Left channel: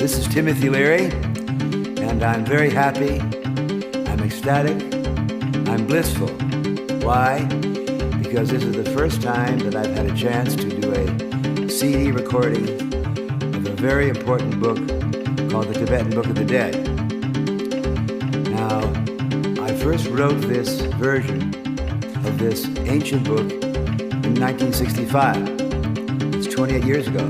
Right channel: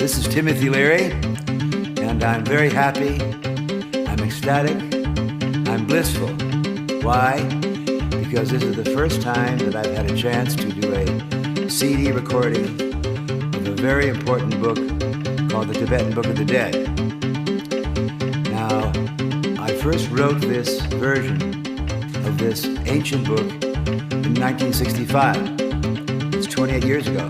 This is Timothy Leary, and I'm very happy, I'm ecstatic, I'm blissful. Why? Because this is the first time that I've had a chance to do a CD recording of a very important book called the Tibetan Book of the Dead. Now, I first wrote this version of this ancient book in 1965. It's 28 years ago.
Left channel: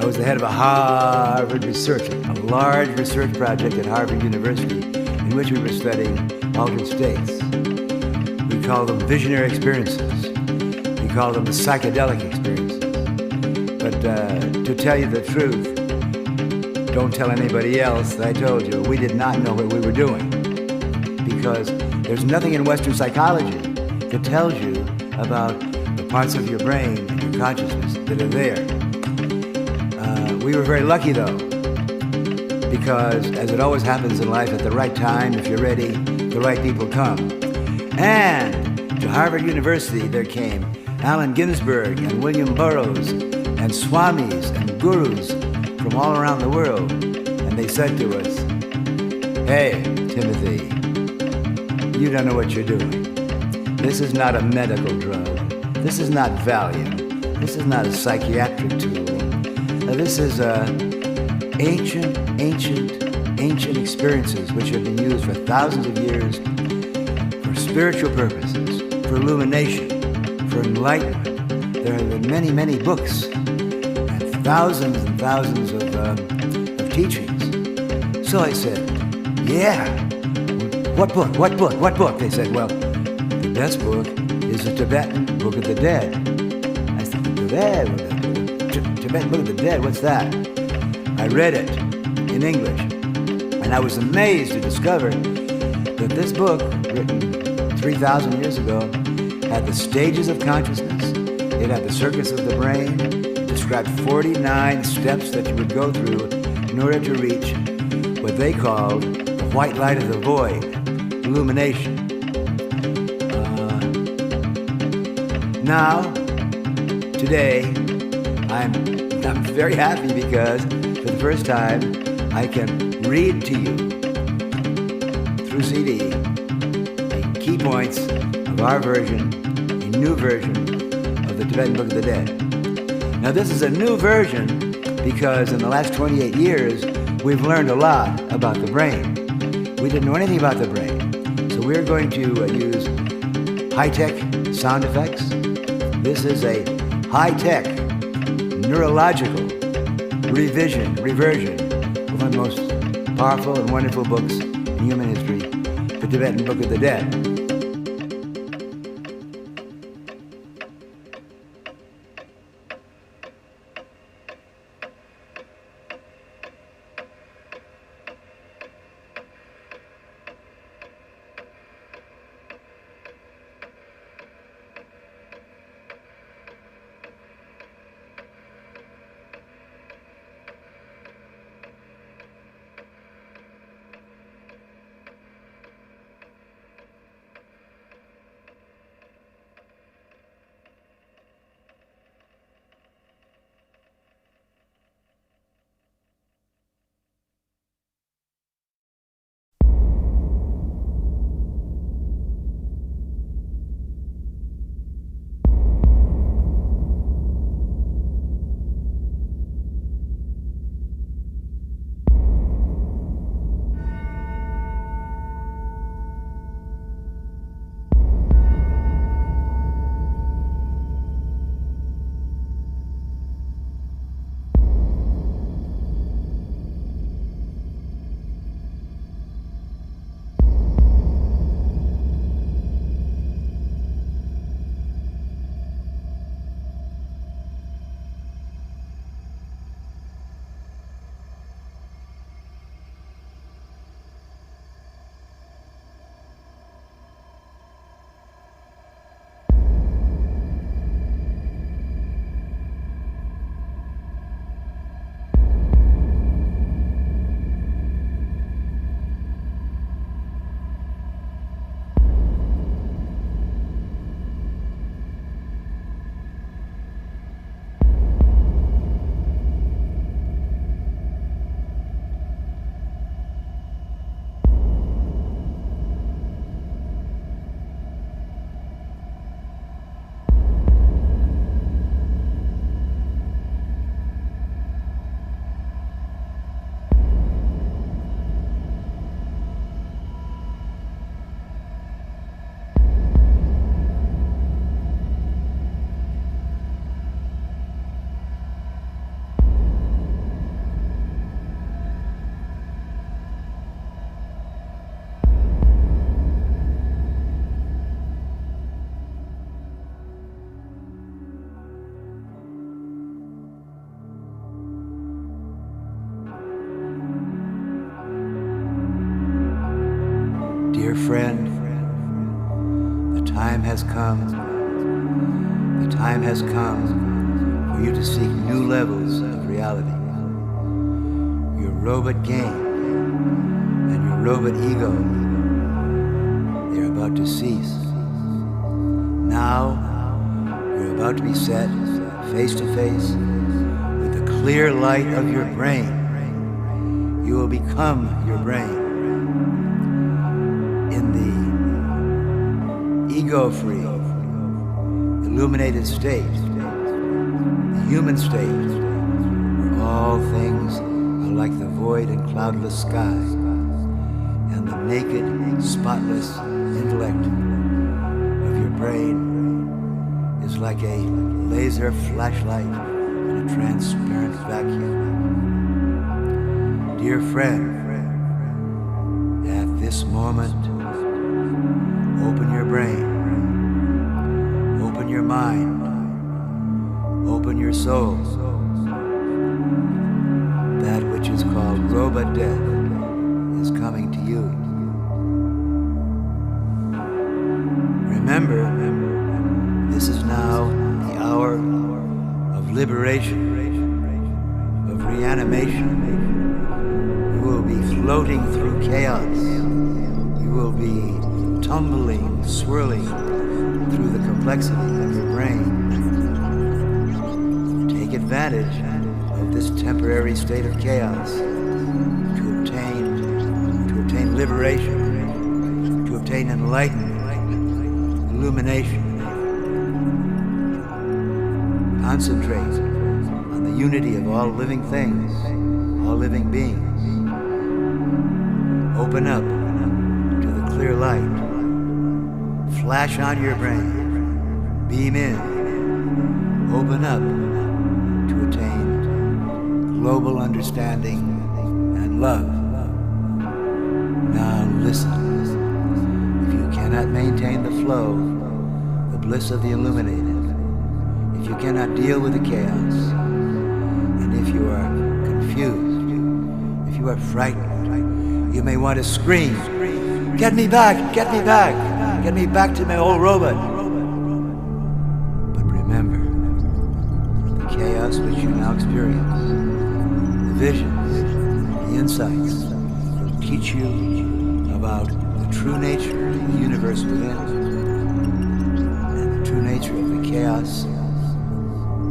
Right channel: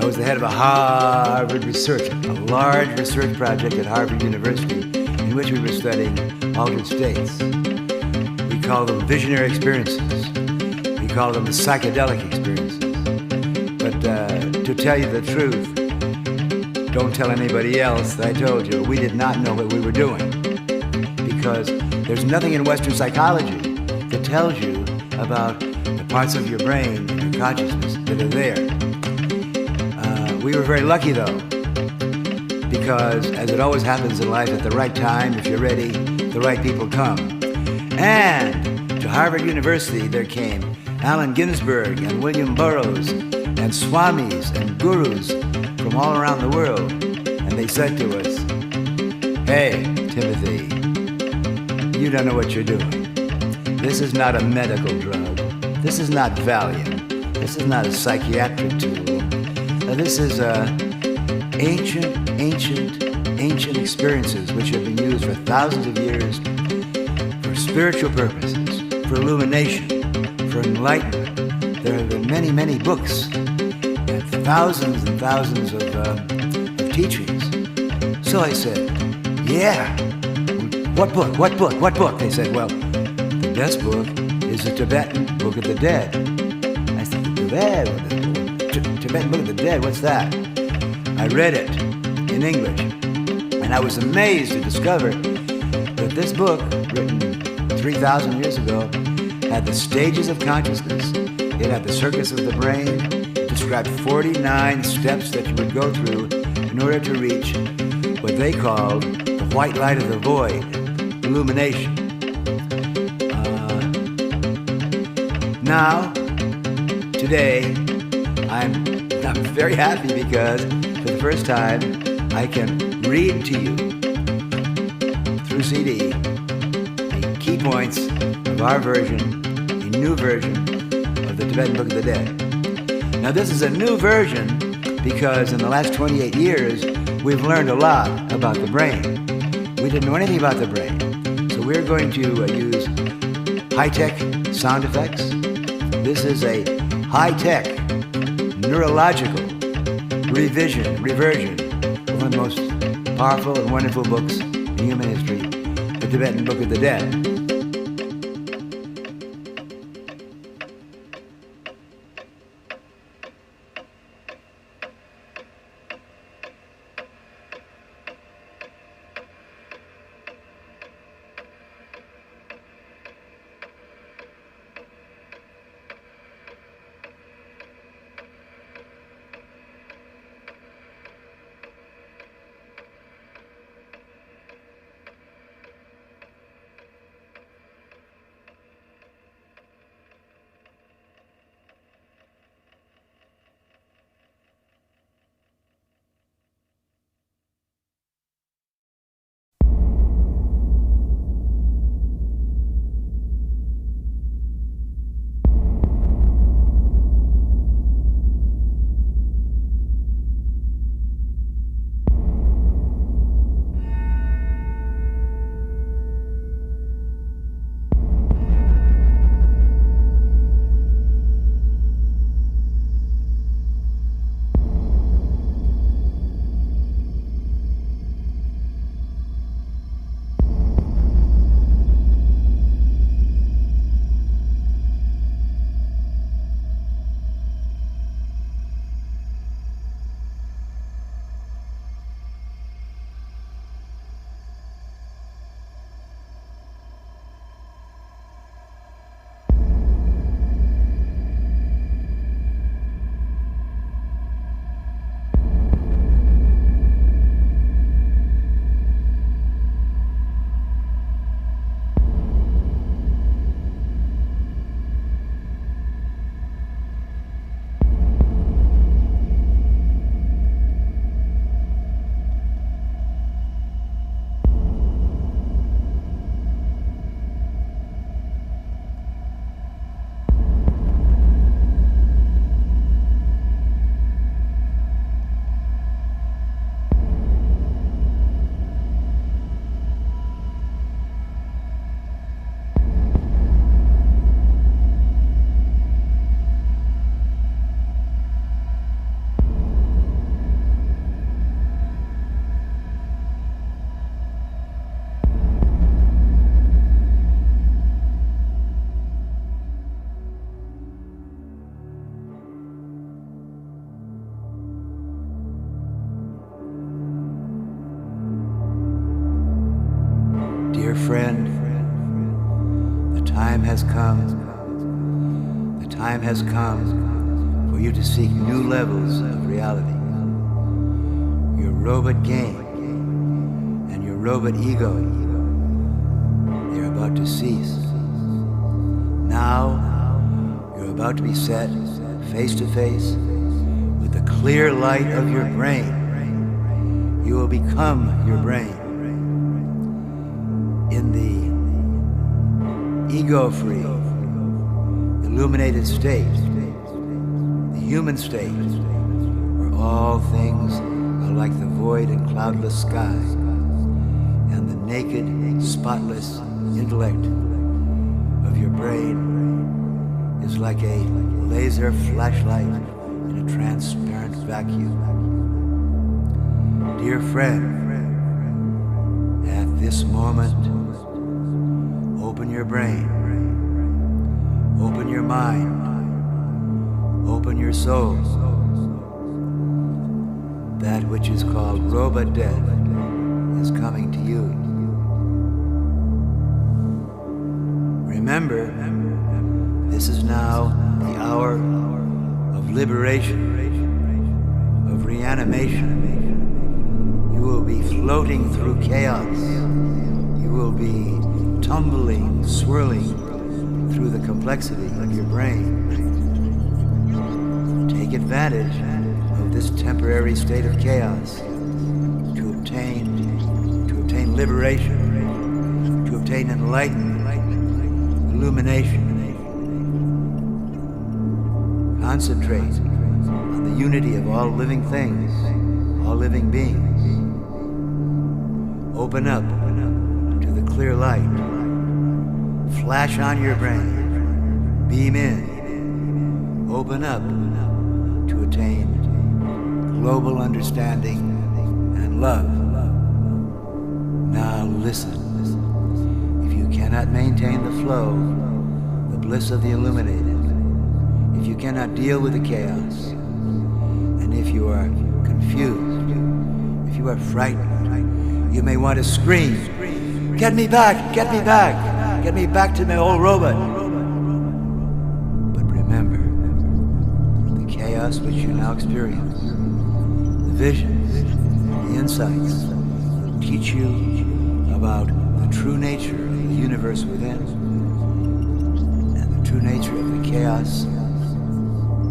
I was the head of a Harvard research, a large research project at Harvard University in which we were studying altered states. We call them visionary experiences. We call them the psychedelic experiences. But to tell you the truth, don't tell anybody else that I told you, we did not know what we were doing. Because there's nothing in Western psychology that tells you about the parts of your brain and your consciousness that are there. We were very lucky, though, because as it always happens in life, at the right time, if you're ready, the right people come. And to Harvard University, there came Allen Ginsberg and William Burroughs and swamis and gurus from all around the world. And they said to us, "Hey, Timothy, you don't know what you're doing. This is not a medical drug. This is not Valium. This is not a psychiatric tool. This is ancient experiences which have been used for thousands of years for spiritual purposes, for illumination, for enlightenment. There have been many, many books and thousands of teachings." So I said, "Yeah, what book? What book? What book?" They said, "Well, the best book is the Tibetan Book of the Dead." I said, Tibetan Book of the Dead, what's that? I read it in English, and I was amazed to discover that this book, written 3,000 years ago, had the stages of consciousness, it had the circuits of the brain, it described 49 steps that you would go through in order to reach what they called the white light of the void, illumination. Now, today, I'm very happy because for the first time I can read to you through CD the key points of our version, a new version of the Tibetan Book of the Dead. Now this is a new version because in the last 28 years we've learned a lot about the brain. We didn't know anything about the brain, so we're going to use high-tech sound effects. This is a high-tech neurological reversion of one of the most powerful and wonderful books in human history, the Tibetan Book of the Dead. friend, the time has come. The time has come for you to seek new levels of reality. Your robot game and your robot ego, they are about to cease. Now, you're about to be set face to face with the clear light of your brain. You will become your brain. In the ego-free, illuminated state, the human state, where all things are like the void and cloudless sky, and the naked, spotless intellect of your brain is like a laser flashlight in a transparent vacuum. Dear friend, at this moment, open your brain, open your mind, open your soul. That which is called robot death is coming to you. Remember, this is now the hour of liberation, of reanimation. You will be floating through chaos. You will be tumbling, swirling through the complexity of your brain. Take advantage of this temporary state of chaos to obtain liberation, to obtain enlightenment, illumination. Concentrate on the unity of all living things, all living beings. Open up to the clear light. Flash on your brain. Beam in. Open up to attain global understanding and love. Now listen. If you cannot maintain the flow, the bliss of the illuminated, if you cannot deal with the chaos, and if you are confused, if you are frightened, you may want to scream, "Get me back! Get me back! Get me back to my old robot!" But remember, the chaos which you now experience, the visions, the insights, will teach you about the true nature of the universe within and the true nature of the chaos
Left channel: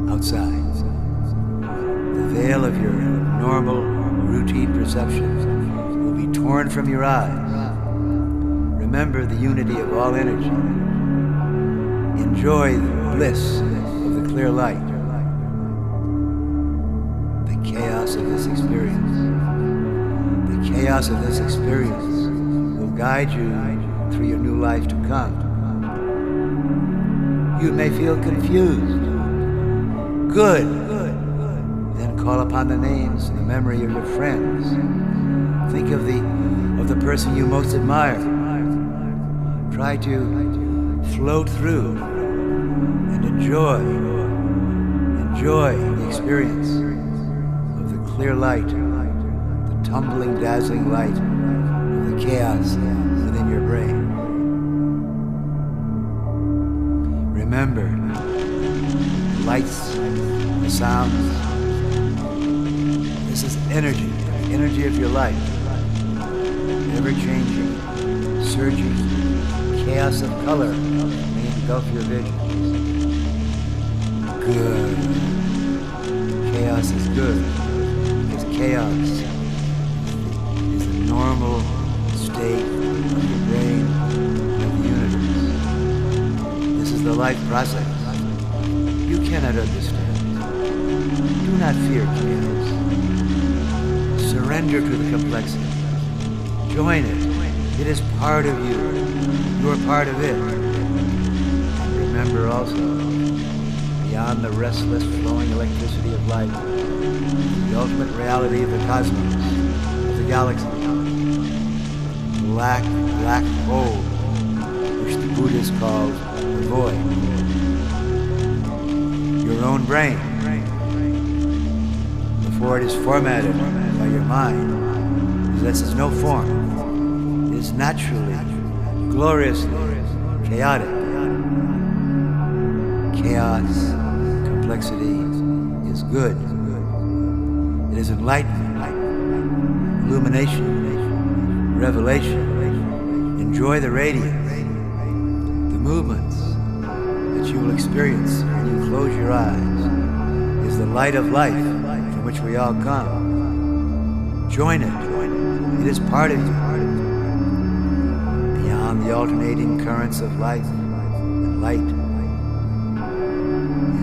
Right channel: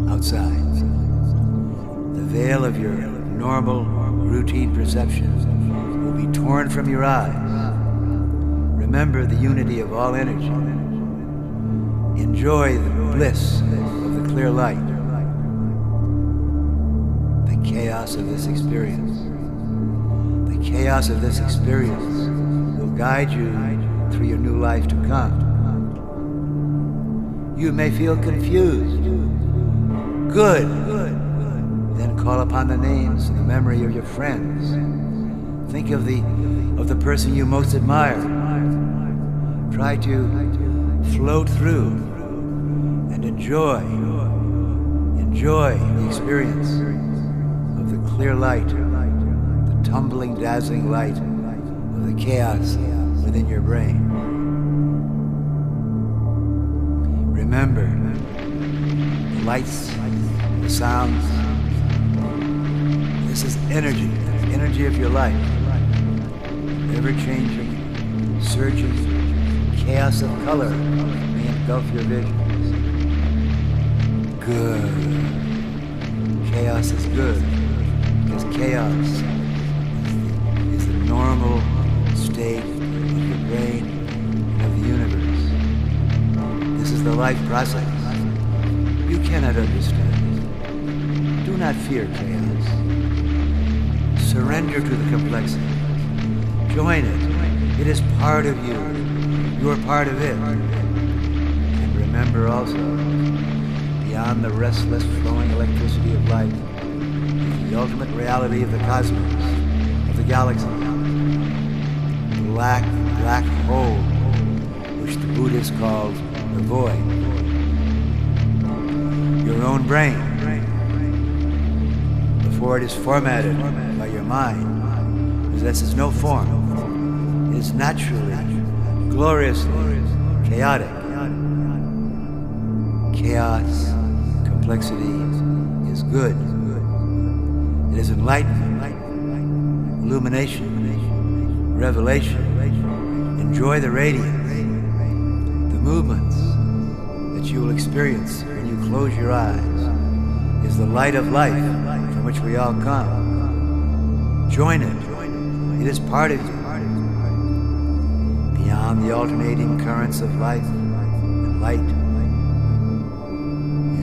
outside. The veil of your normal, routine perceptions will be torn from your eyes. Remember the unity of all energy. Enjoy the bliss of the clear light. The chaos of this experience. The chaos of this experience will guide you through your new life to come. You may feel confused. Good. Then call upon the names and the memory of your friends. Think of the person you most admire. Try to float through and enjoy the experience of the clear light, the tumbling, dazzling light of the chaos within your brain. Remember, the lights, the sounds, this is energy, the energy of your life, ever-changing, surging, chaos of color may engulf your visions. Good. Chaos is good, because chaos is the normal state of your brain and of the universe. This is the life process. You cannot understand it. Do not fear chaos. Surrender to the complexity. Join it. It is part of you. You are part of it. And remember also, beyond the restless flowing electricity of life, the ultimate reality of the cosmos, of the galaxy, black hole, which the Buddhists called the void. Your own brain, before it is formatted by your mind, possesses no form. It is naturally gloriously chaotic. Chaos, complexity is good. It is enlightenment, illumination, revelation. Enjoy the radiance, the movements that you will experience when you close your eyes is the light of life from which we all come. Join it. It is part of you. Beyond the alternating currents of life and light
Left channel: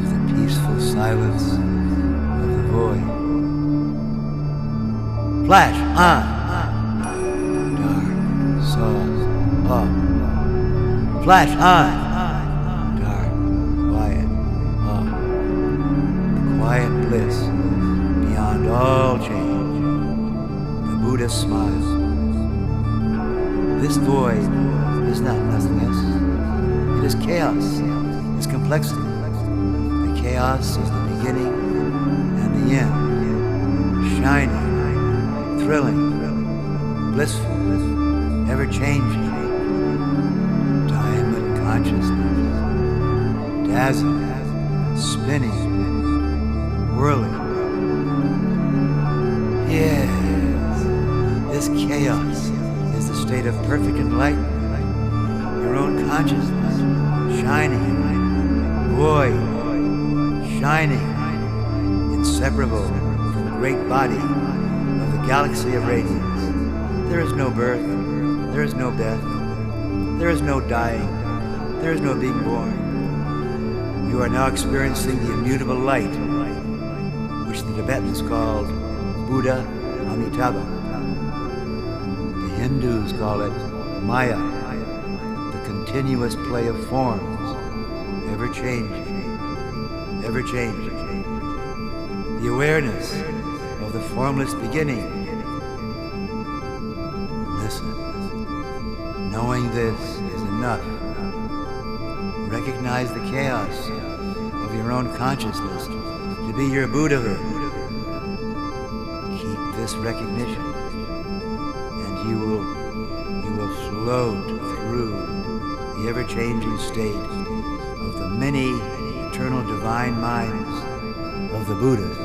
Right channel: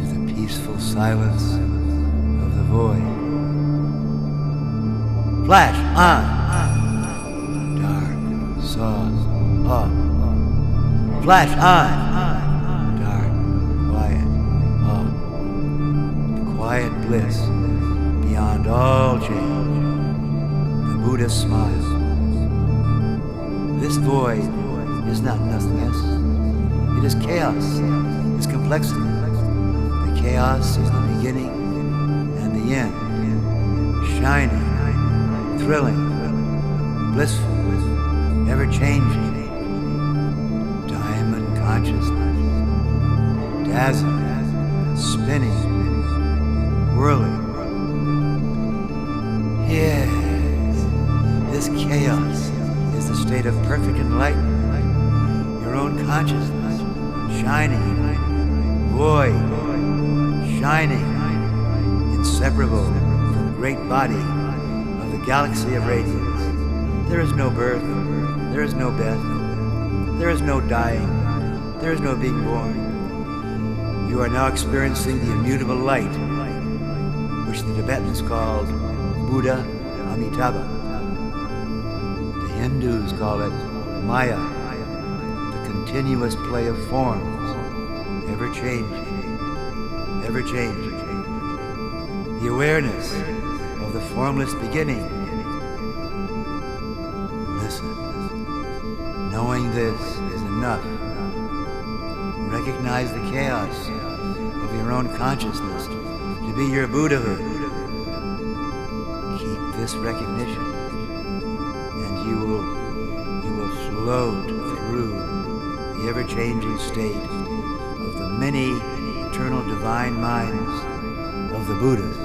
is the peaceful silence of the void. Flash on. Dark, soft, off. Flash on. Dark, quiet, off. The quiet bliss beyond all change. The Buddha smile. This void is not nothingness. It is chaos. It's complexity. The chaos is the beginning and the end. Shining, thrilling, blissful, ever-changing. Diamond consciousness. Dazzling, spinning, whirling. Yes, this chaos is the state of perfect enlightenment. Your own consciousness, shining, void, shining, inseparable from the great body of the galaxy of radiance. There is no birth, there is no death, there is no dying, there is no being born. You are now experiencing the immutable light, which the Tibetans called Buddha Amitabha. The Hindus call it Maya, the continuous play of forms, ever-changing, ever-changing. The awareness of the formless beginning. Listen. Knowing this is enough. Recognize the chaos of your own consciousness to be your Buddhahood. Keep this recognition, and you will float through the ever-changing state of the many eternal divine minds of the Buddhas.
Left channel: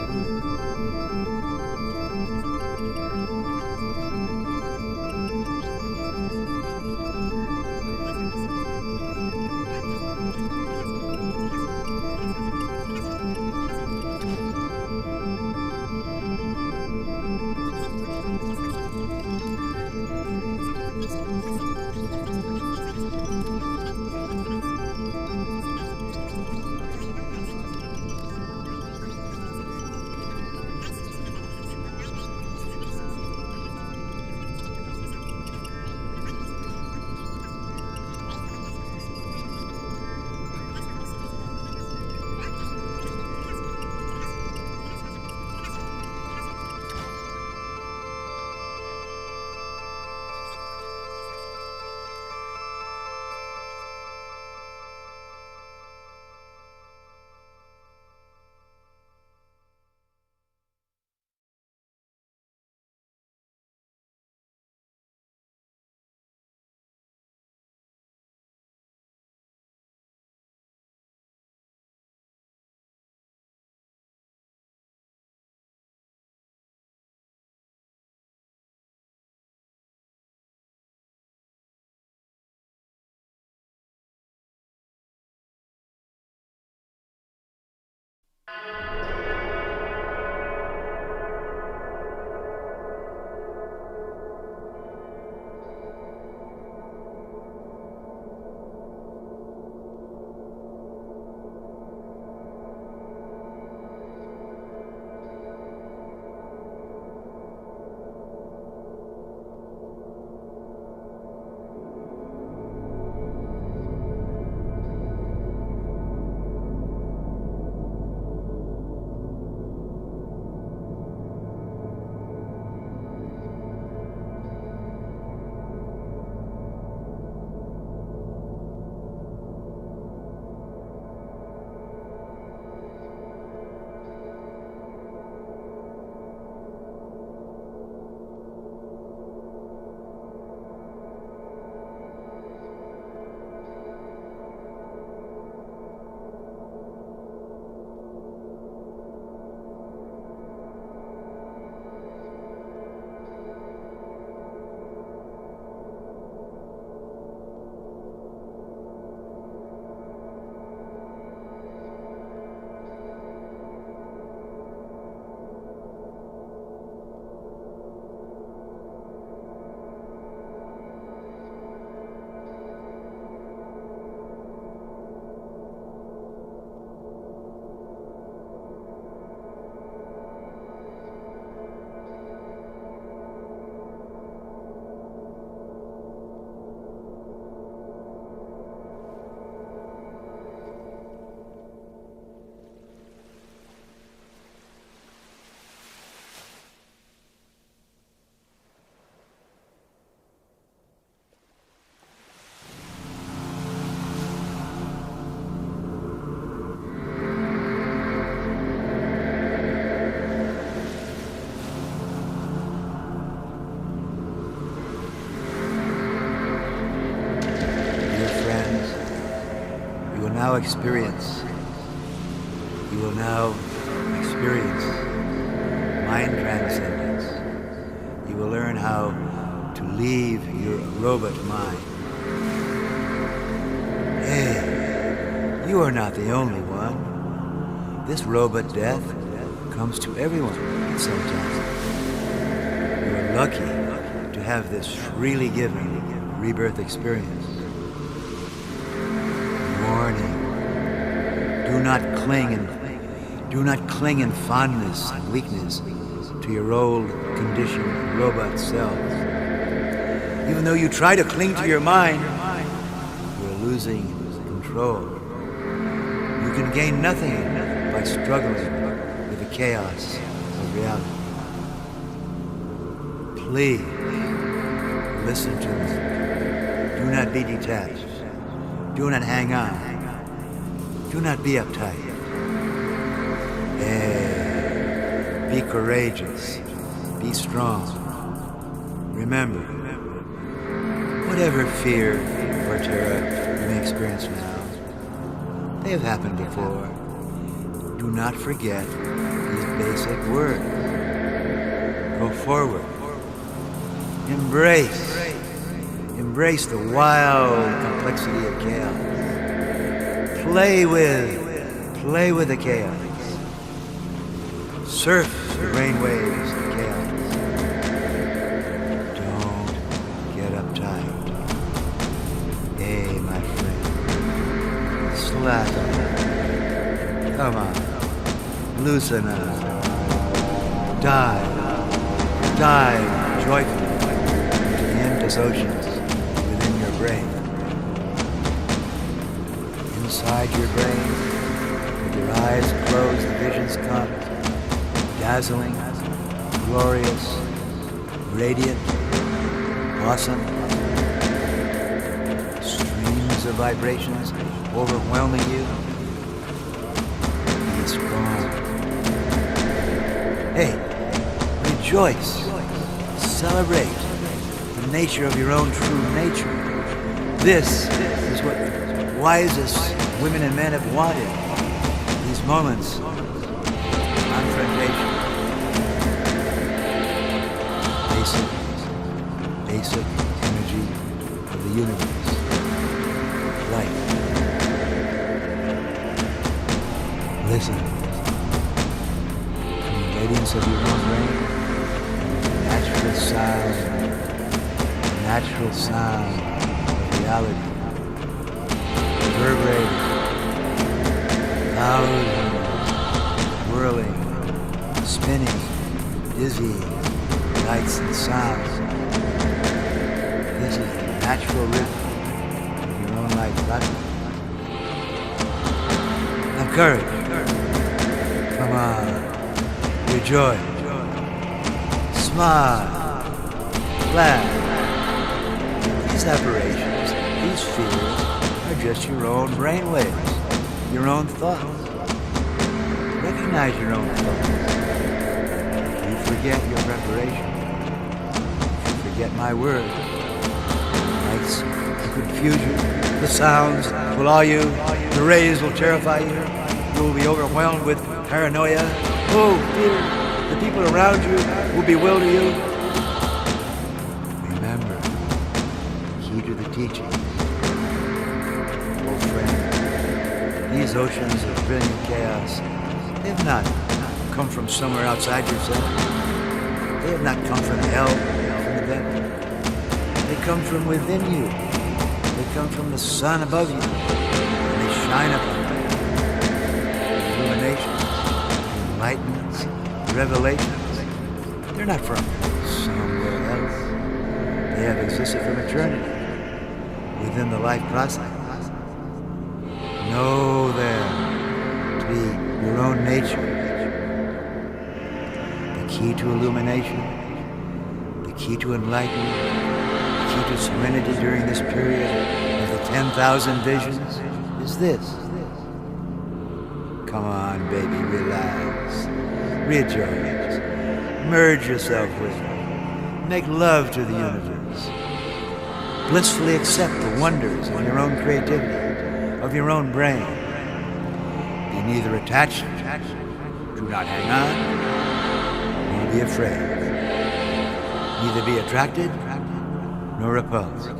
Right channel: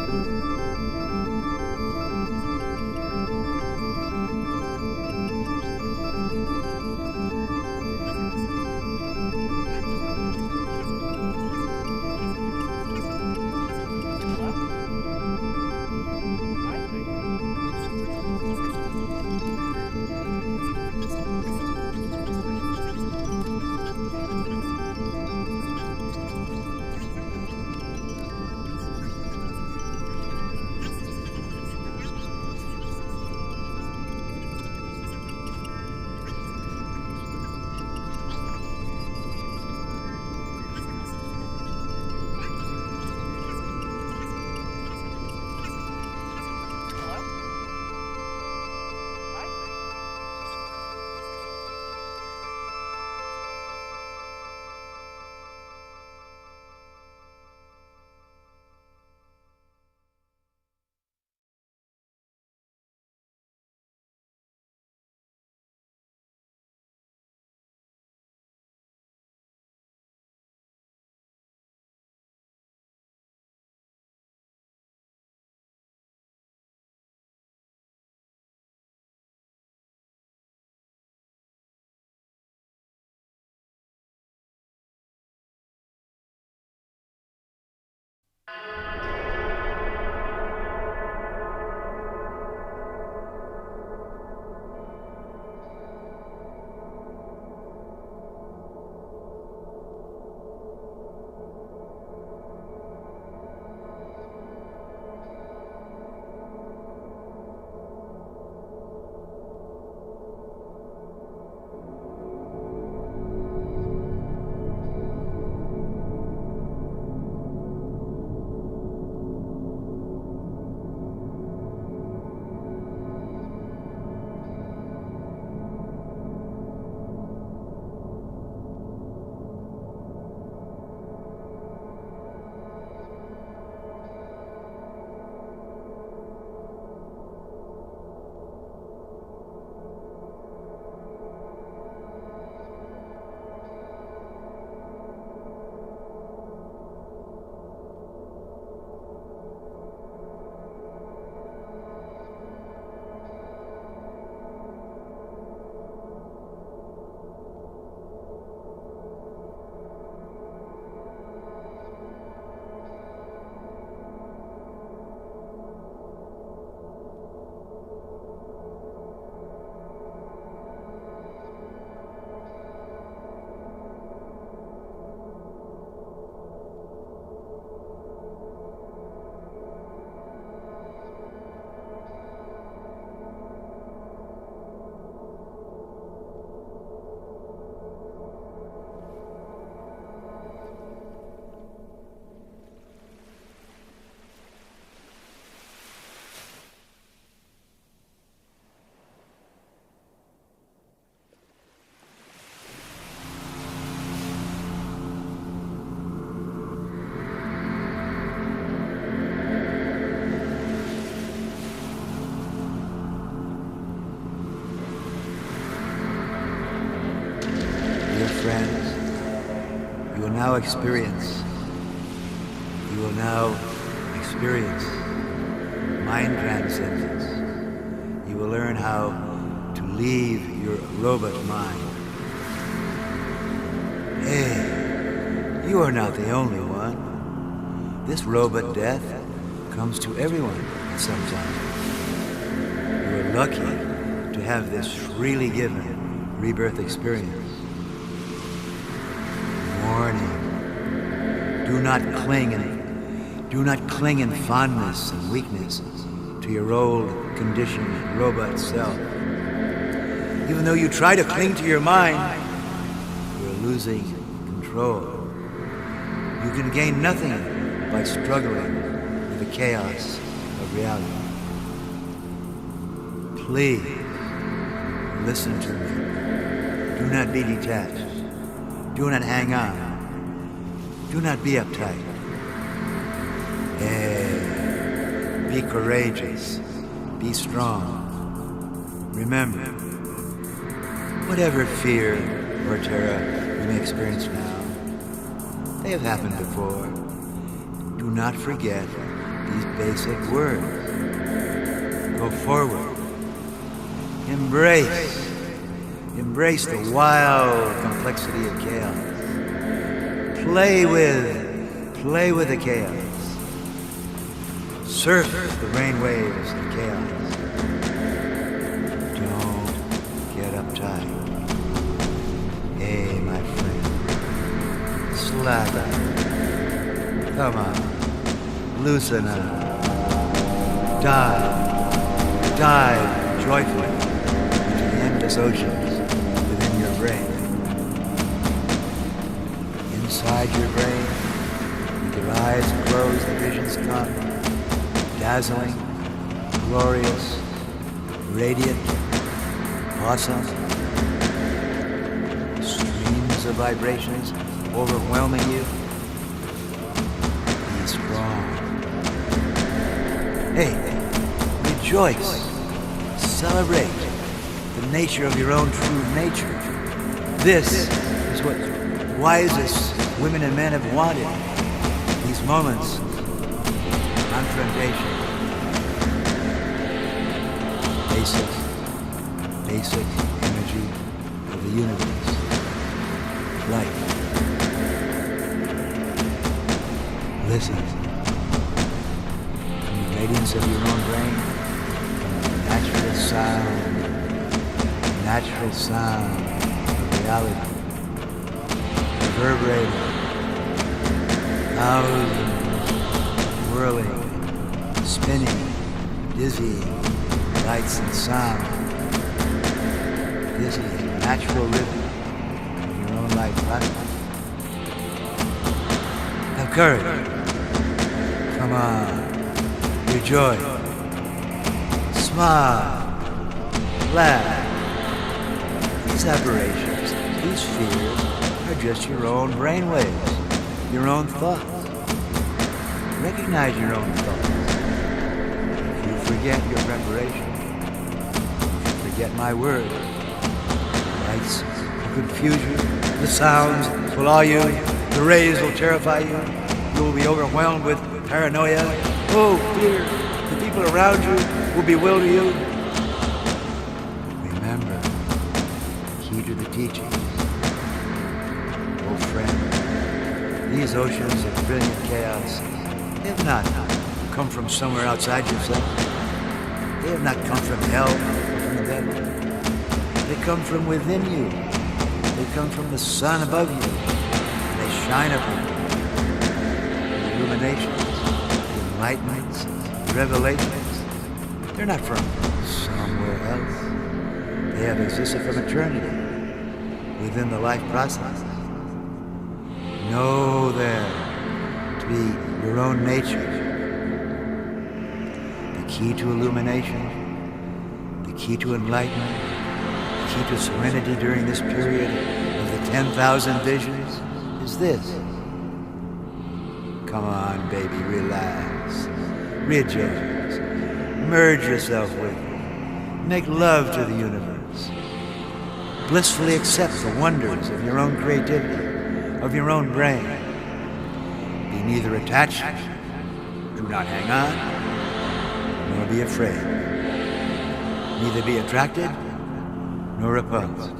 Dear friends, you will now experience mind transcendence. You will learn how to leave your robot mind. Hey, you are not the only one. This robot death comes to everyone at some time. You are lucky to have this freely given rebirth experience. Warning. Do not cling in fondness and weakness to your old conditioned robot self. Even though you try to cling to your mind, you are losing control. You can gain nothing by struggling with the chaos of reality. Please, listen to me. Do not be detached. Do not hang on. Do not be uptight. Be courageous. Be strong. Remember, whatever fear or terror you may experience now, they have happened before. Do not forget these basic words. Go forward. Embrace the wild complexity of chaos. Play with the chaos. Surf the brainwaves of chaos. Don't get uptight. Hey, my friend. Slack up. Come on. Loosen up. Dive joyfully into the endless oceans within your brain. Inside your brain, with your eyes closed, the visions come. Dazzling, glorious, radiant, awesome. Streams of vibrations overwhelming you. Be strong. Hey, rejoice. Celebrate the nature of your own true nature. This is what the wisest women and men have wanted. These moments of confrontation. Basic energy of the universe. Light. Listen. From the radiance of your own brain comes the natural sound of reality. Reverberating. Thousands whirling, spinning, dizzying lights and sounds. This is the natural rhythm of your own life platform. Have courage. Come on. Rejoice. Smile. Laugh. These aberrations, these fears, are just your own brainwaves, your own thoughts. Recognize your own thoughts. If you forget your preparation, if you forget my words, the lights will confuse you, the sounds will awe you, the rays will terrify you, you will be overwhelmed with paranoia. Oh, fear, the people around you will bewilder you. Remember, the key to the teachings. Oh, friend, these oceans of brilliant chaos, they have not come from somewhere outside yourself. They have not come from hell or from the devil. They come from within you. They come from the sun above you. And they shine upon you. The illuminations, the enlightenments, the revelations, they're not from somewhere else. They have existed from eternity within the life process. Know them to be your own nature. The key to illumination, the key to enlightenment, the key to serenity during this period of the 10,000 visions is this. Come on, baby, relax. Rejoice. Merge yourself with it. Make love to the universe. Blissfully accept the wonders of your own creativity, of your own brain. Be neither attached, do not hang on, nor be afraid. Neither be attracted, nor repulsed.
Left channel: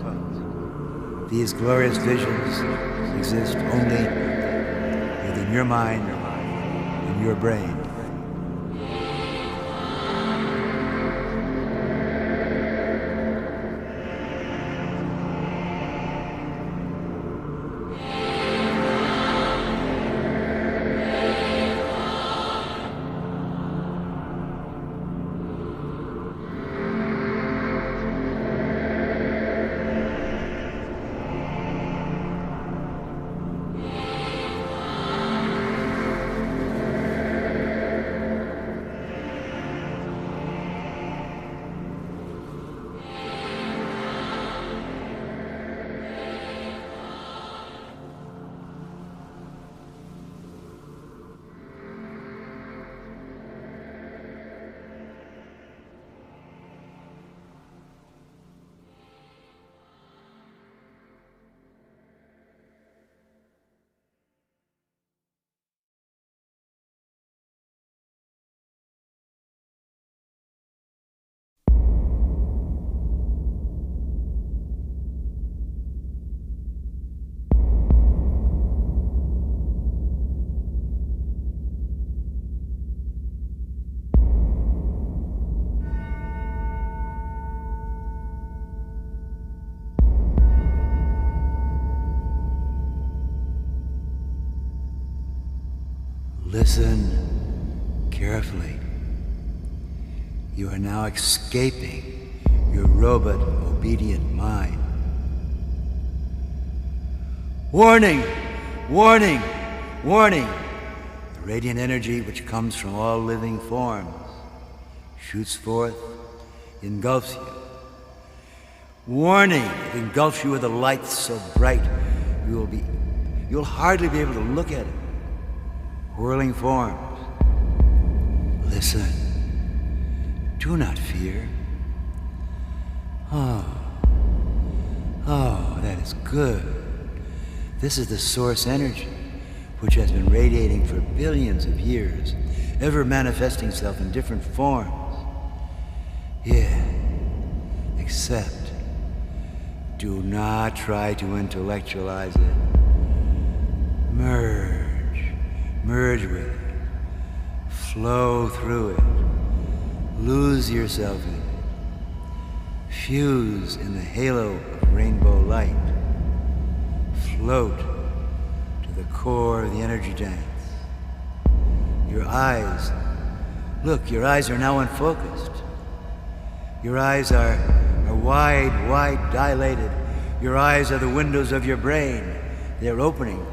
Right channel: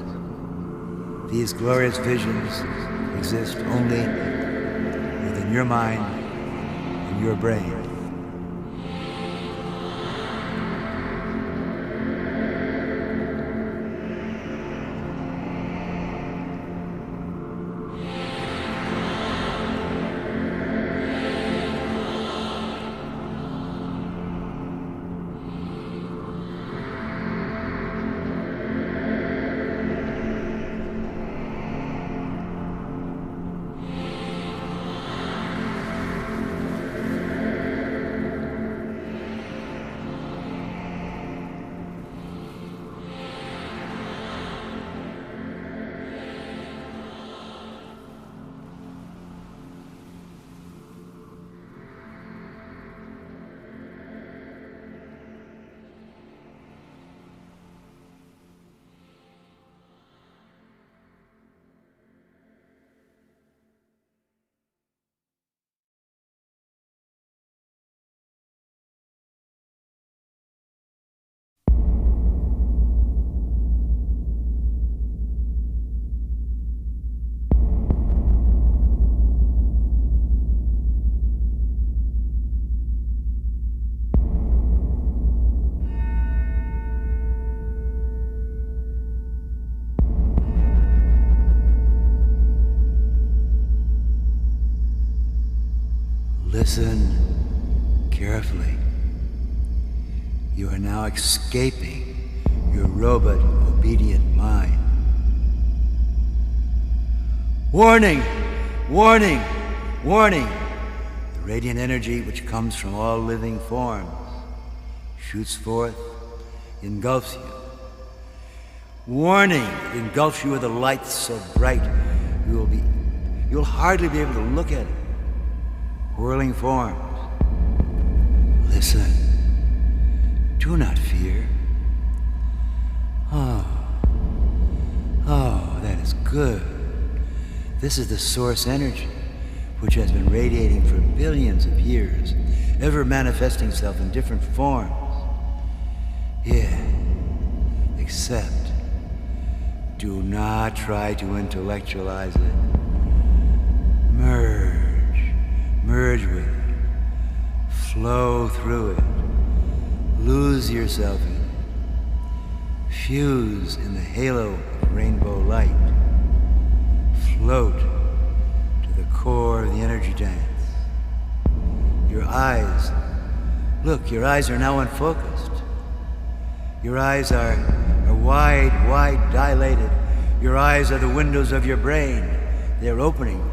These glorious visions exist only within your mind and your brain. Listen carefully. You are now escaping your robot-obedient mind. Warning! Warning! Warning! The radiant energy which comes from all living forms shoots forth, engulfs you. Warning! It engulfs you with a light so bright you'll hardly be able to look at it. Whirling forms. Listen. Do not fear. Oh, that is good. This is the source energy, which has been radiating for billions of years, ever manifesting itself in different forms. Yeah, except do not try to intellectualize it. Merge with it. Flow through it. Lose yourself in it. Fuse in the halo of rainbow light. Float to the core of the energy dance. Your eyes, look, your eyes are now unfocused. Your eyes are wide dilated. Your eyes are the windows of your brain. They are opening.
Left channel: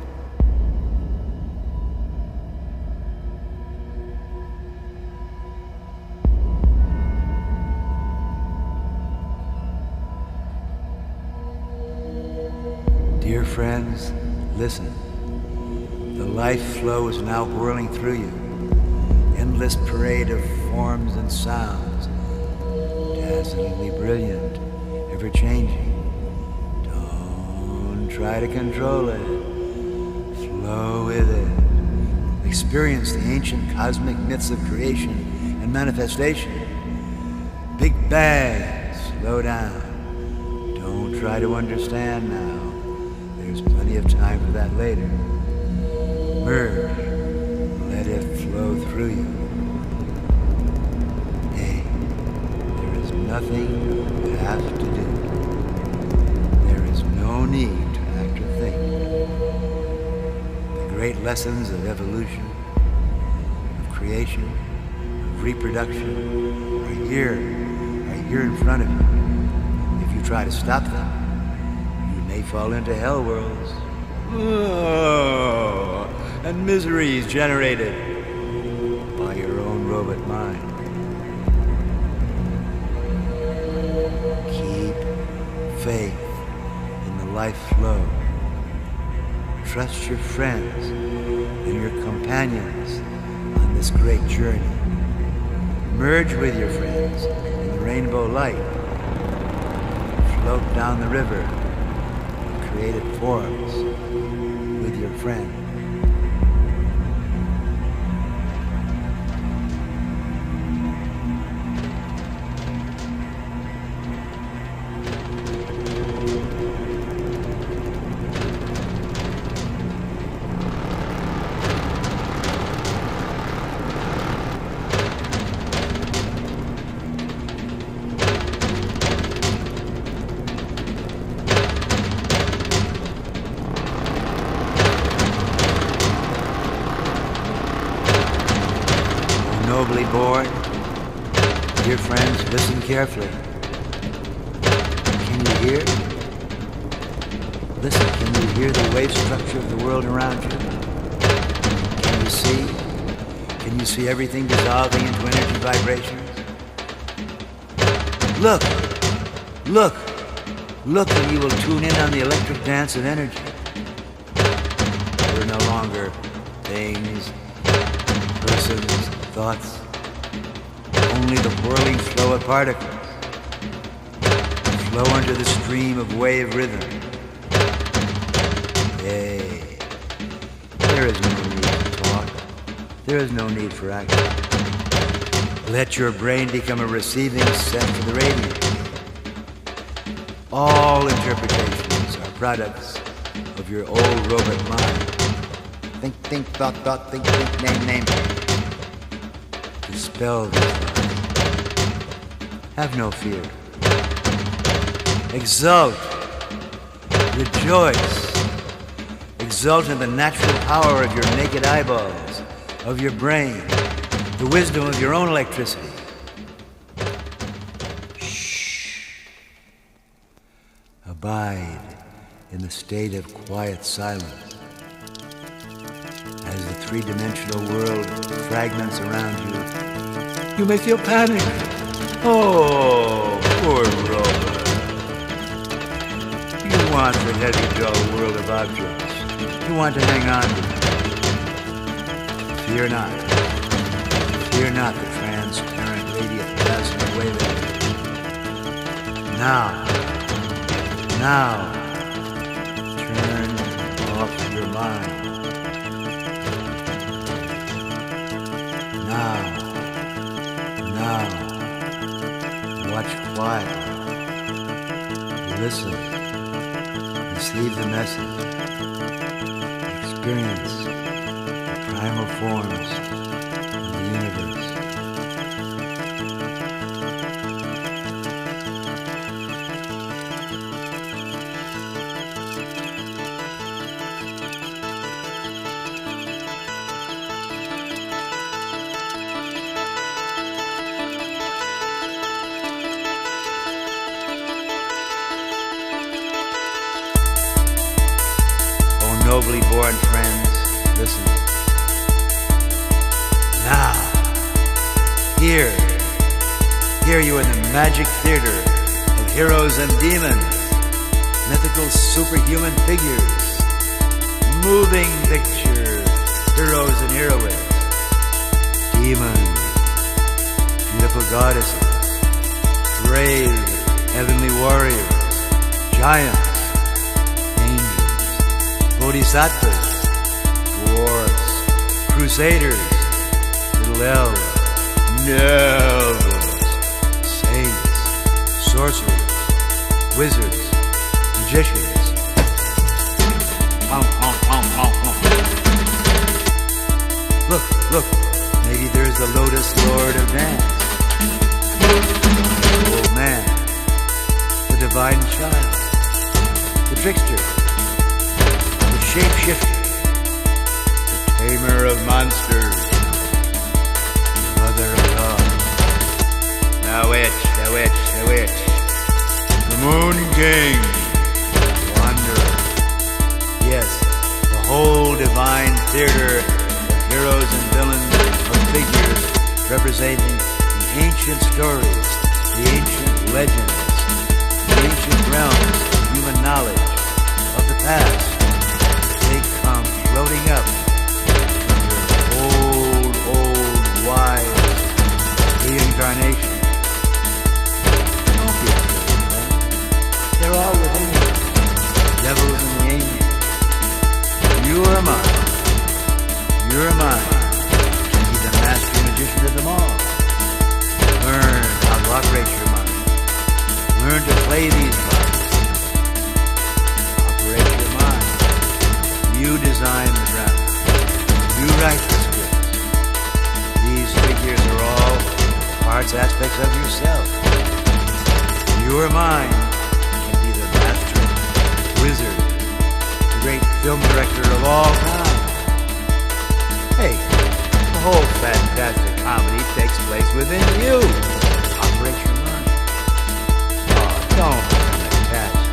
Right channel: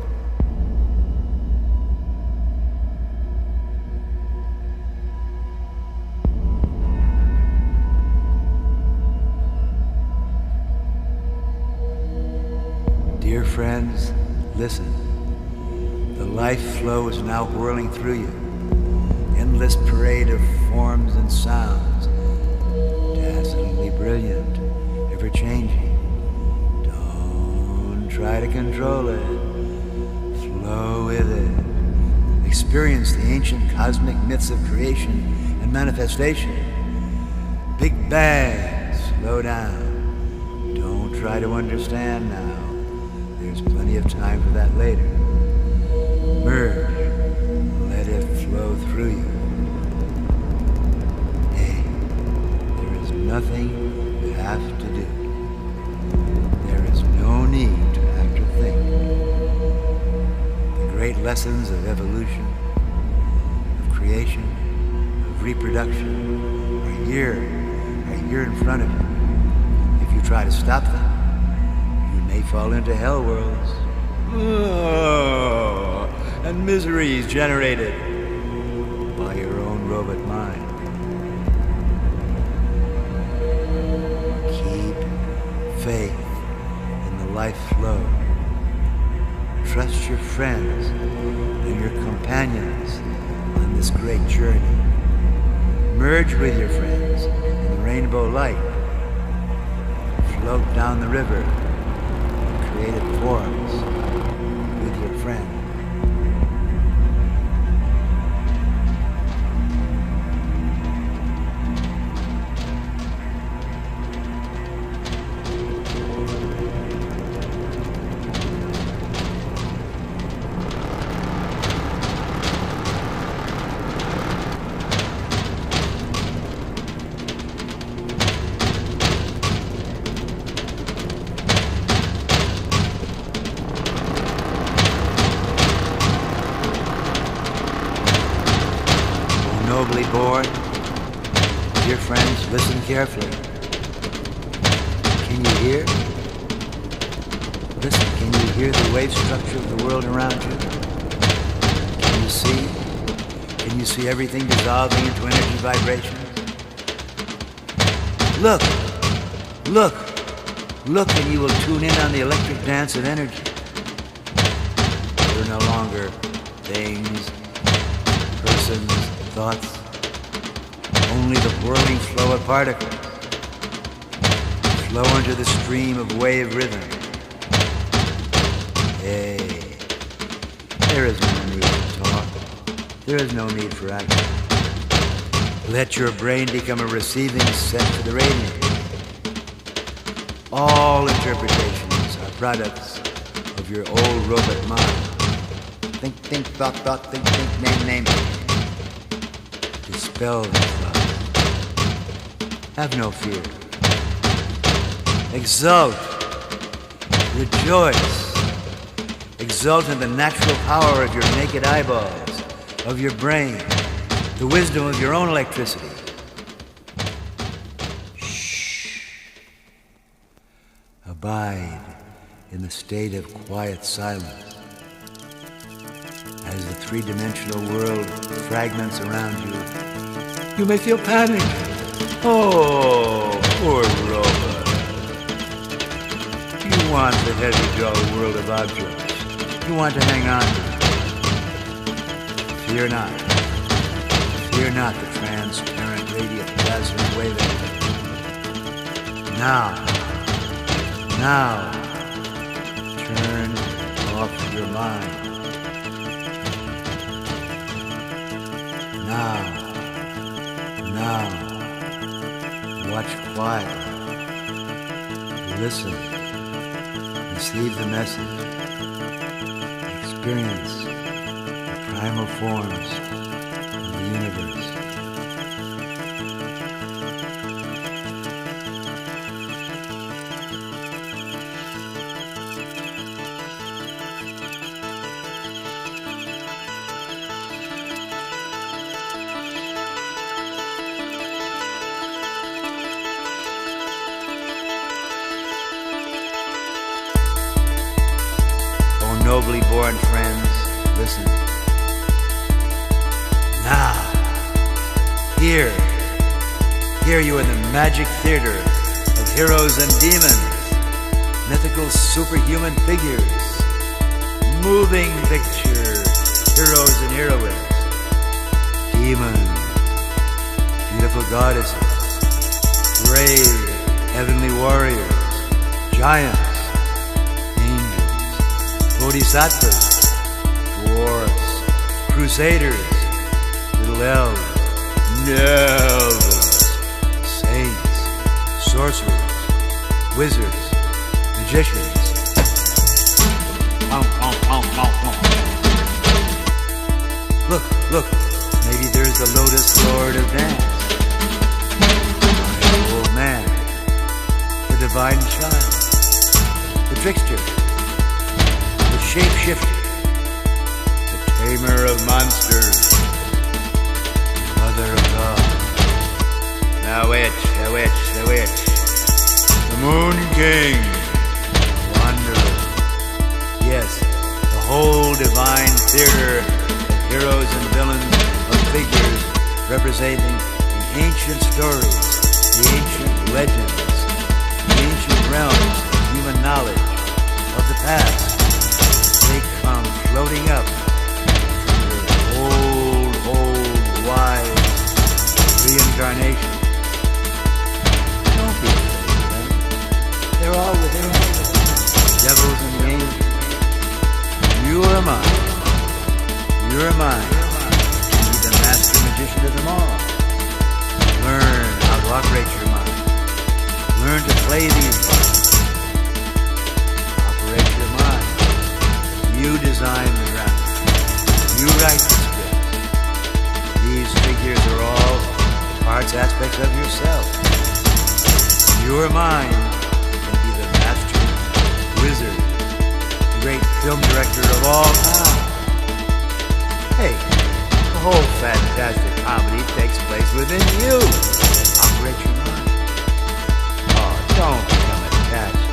Dear friends, listen. The life flow is now whirling through you. Endless parade of forms and sounds. Dazzlingly brilliant, ever-changing. Don't try to control it. Flow with it. Experience the ancient cosmic myths of creation and manifestation. Big Bang, slow down. Don't try to understand now. There's plenty of time for that later. Merge. Let it flow through you. Hey, there is nothing you have to do. There is no need to act or think. The great lessons of evolution, of creation, of reproduction are here in front of you. If you try to stop them, you may fall into hell worlds. Oh, and miseries generated by your own robot mind. Keep faith in the life flow. Trust your friends and your companions on this great journey. Merge with your friends in the rainbow light. float down the river in created forms with your friend. Nobly born, dear friends, listen carefully. Can you hear? Listen, can you hear the wave structure of the world around you? Can you see? Can you see everything dissolving into energy vibrations? Look, look, look, and you will tune in on the electric dance of energy. There are no longer things, persons, thoughts, only the whirling flow of particles flow under the stream of wave rhythm. Hey, there is no need to talk. There is no need for action. Let your brain become a receiving set for the radiance. All interpretations are products of your old robot mind. Think, thought, think, name. Dispel these thoughts. Have no fear. Exult. Rejoice. Exult in the natural power of your naked eyeballs, of your brain, the wisdom of your own electricity. Shh. Abide in the state of quiet silence as the three-dimensional world fragments around you. You may feel panic. Oh, poor robot. You want the heavy, dull world of objects. You want to hang on to it. Fear not. Fear not the transparent, radiant, dazzling wave energy. Now, turn off your mind. Now, watch quietly. Listen. Receive the message. Experience the primal forms of the universe. Nobly born friends, listen. Now, here you in the magic theater of heroes and demons, mythical superhuman figures, moving picture heroes and heroines, demons, beautiful goddesses, brave heavenly warriors, giants, bodhisattvas, dwarfs, crusaders, little elves, nobles, saints, sorcerers, wizards, magicians. Look, maybe there's the Lotus Lord of Dance, the old man, the divine child, the trickster, shapeshifter, the tamer of monsters, mother of God, the witch, the moon king, wanderer. Yes, the whole divine theater of heroes and villains, of figures representing the ancient stories, the ancient legends, the ancient realms of human knowledge of the past. They come floating up from your old, wise reincarnation. Don't be afraid of them. They're all within you. The devils and the angels. You are mine. You're mine. And be the master magician of them all. Learn how to operate your mind. Learn to play these parts. Operate your mind. You design the drama. You write the scripts. These figures are all parts, aspects of yourself. Your mind can be the master wizard, the great film director of all time. Hey, the whole fantastic comedy takes place within you. Operate your mind. Oh, don't become attached.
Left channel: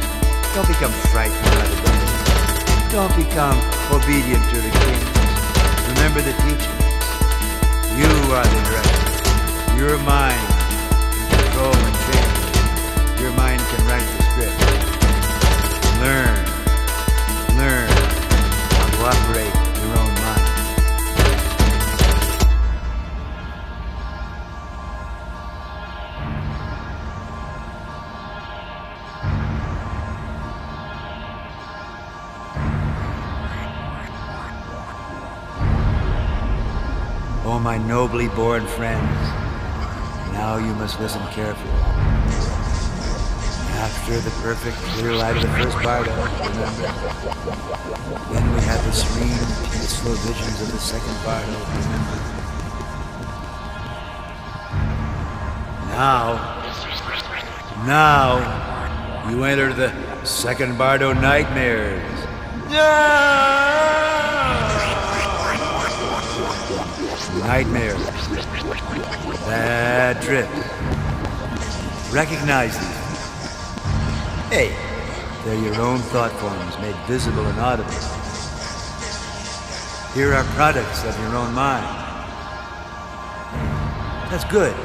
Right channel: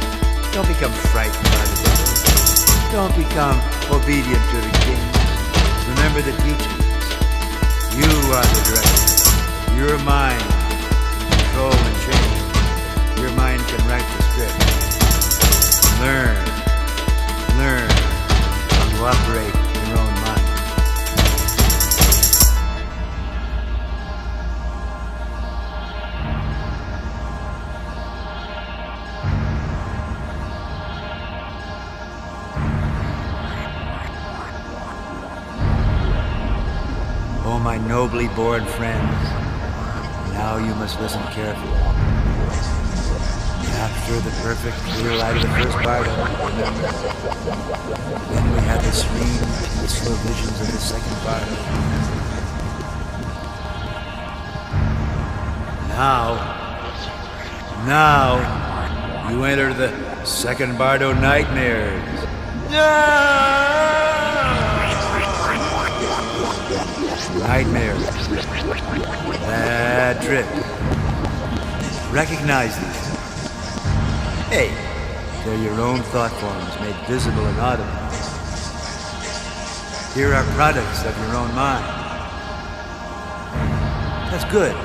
Don't become frightened by the devil. Don't become obedient to the kings. Remember the teachings. You are the director. Your mind can control and change. Your mind can write the script. Learn how to operate your own mind. Oh, my nobly born friends, now you must listen carefully. After the perfect clear light of the first Bardo, remember? Then we had the serene, peaceful visions of the second Bardo, remember? Now, you enter the second Bardo nightmares. Nightmares. Bad trips. Recognize these things. Hey, they're your own thought forms made visible and audible. Here are products of your own mind. That's good.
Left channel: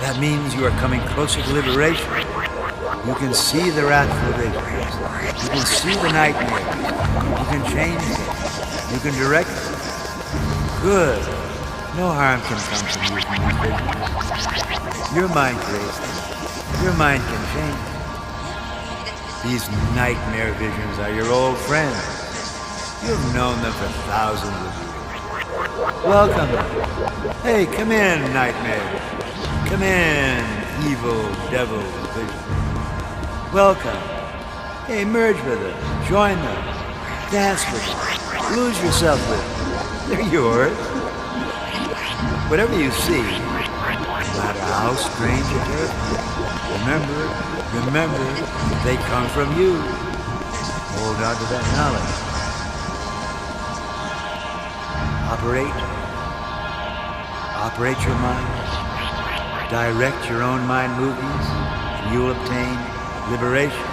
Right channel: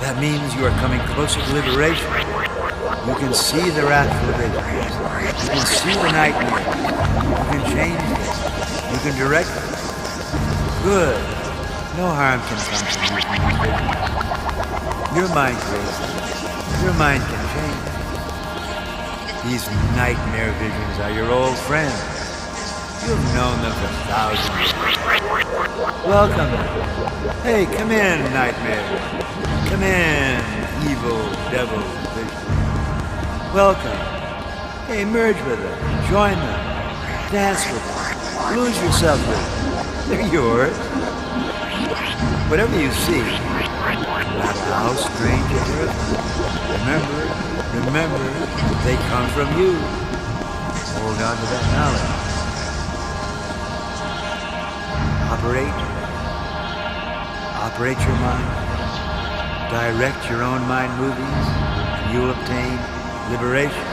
That means you are coming closer to liberation. You can see the wrathful visions. You can see the nightmares. You can change them. You can direct them. Good. No harm can come from you from these visions. Your mind creates them. Your mind can change. These nightmare visions are your old friends. You've known them for thousands of years. Welcome them. Hey, come in, nightmare. Come in, evil devil vision. Welcome. Hey, merge with them. Join them. Dance with them. Lose yourself with them. They're yours. Whatever you see, no matter how strange it is, remember, they come from you. Hold on to that knowledge. Operate your mind. Direct your own mind movies, and you'll obtain liberation.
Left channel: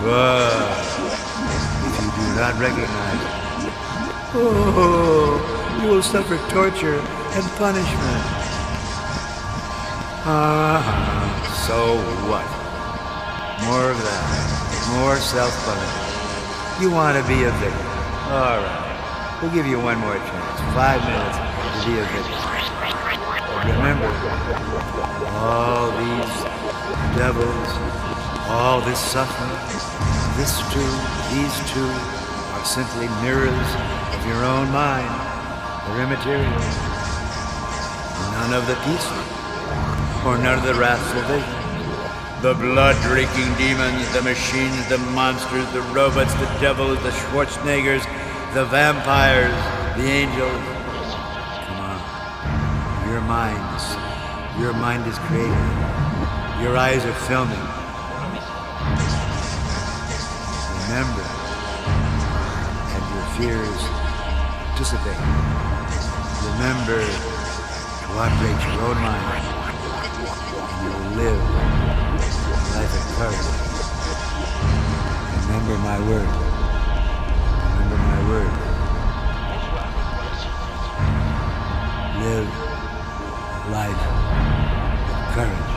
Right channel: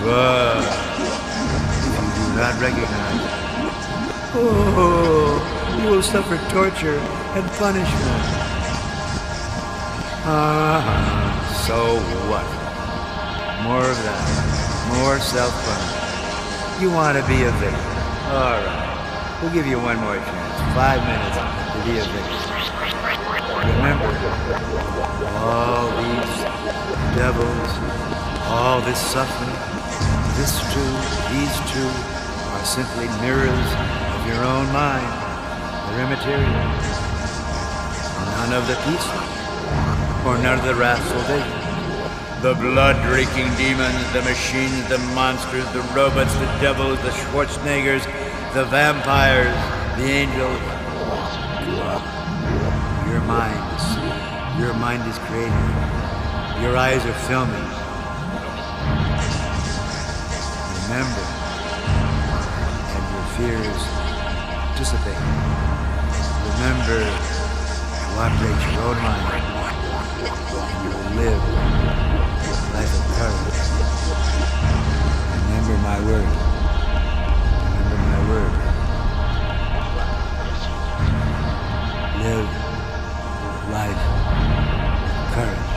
But if you do not recognize it, you will suffer torture and punishment. So what? More of that. More self-punishment. You want to be a victim. All right. We'll give you one more chance. 5 minutes to be a victim. Remember, all these devils, all this suffering, these two are simply mirrors of your own mind. They're immaterial. None of the peaceful, or none of the wrathful visions. The blood-drinking demons, the machines, the monsters, the robots, the devils, the Schwarzeneggers, the vampires, the angels. Come on. Your mind is creating. Your eyes are filming. Remember, and your fears dissipate. Remember to operate your own mind, and you will live a life of courage. Remember my word. Remember my word. Live a life of courage.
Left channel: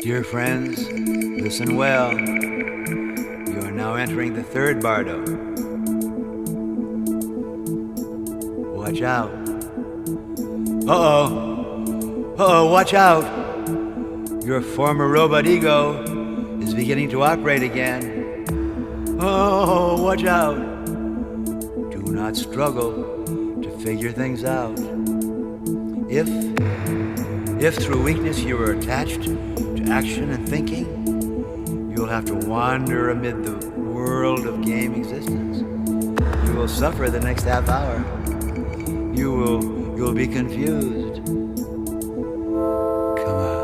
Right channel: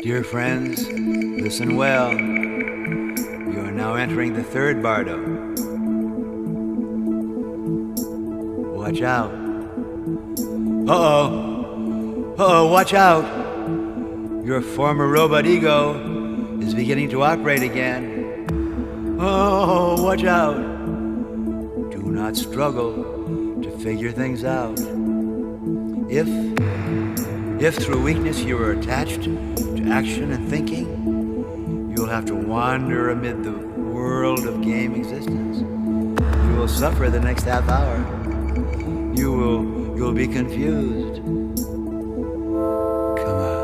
Dear friends, listen well. You are now entering the third Bardo. Watch out. Uh-oh. Uh-oh, watch out. Your former robot ego is beginning to operate again. Oh, watch out. Do not struggle to figure things out. If through weakness you are attached to action and thinking, you'll have to wander amid the world of game existence. You will suffer the next half hour. You'll be confused. Come on.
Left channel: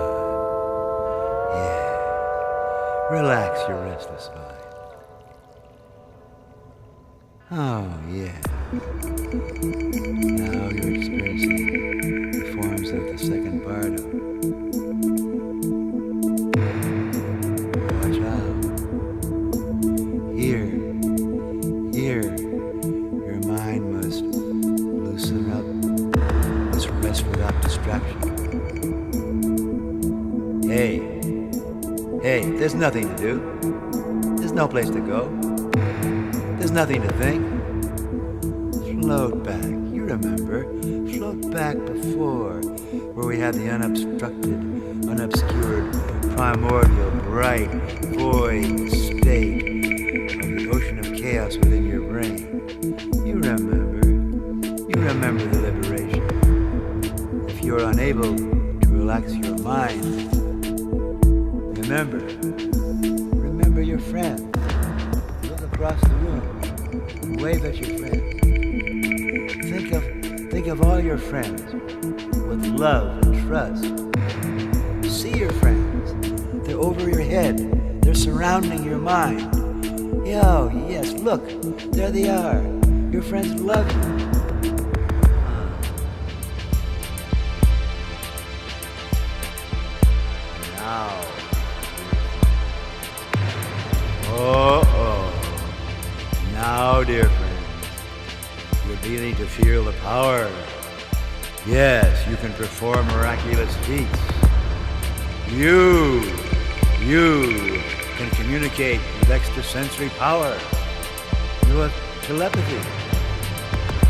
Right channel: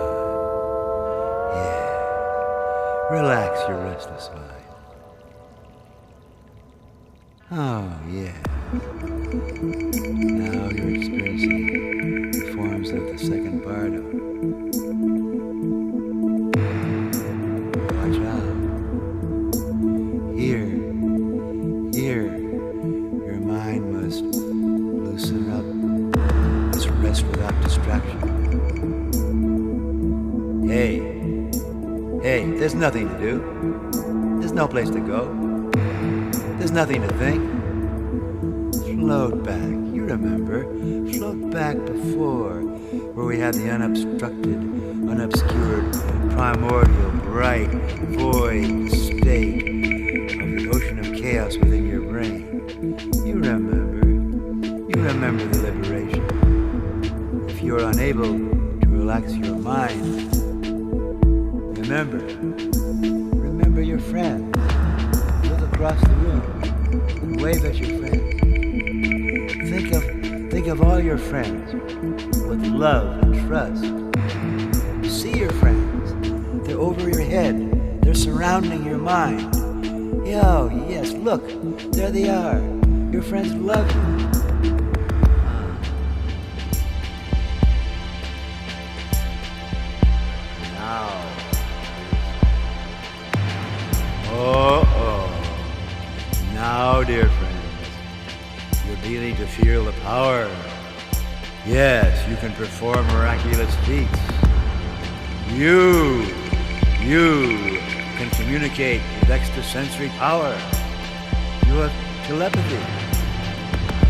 Yeah. Relax your restless mind. Oh, yeah. Now you're experiencing the forms of the second Bardo. Watch out. Here, your mind must loosen up, must rest without distraction. Hey, there's nothing to do. There's no place to go. There's nothing to think. Float back. You remember. Float back before, where we had the unobstructed, unobscured, primordial, bright, void state of the ocean of chaos within your brain. You remember the liberation. If you are unable to relax your mind, remember your friend. Look across the room and wave at your friend. Think of all your friends with love and trust. See your friends. They're over your head. They're surrounding your mind. Oh, yes, look. There they are. Your friends love you. Now. Now, dear friends, you're beginning to feel the power. Yes, you can perform miraculous feats. You can communicate with extrasensory power. You have telepathy.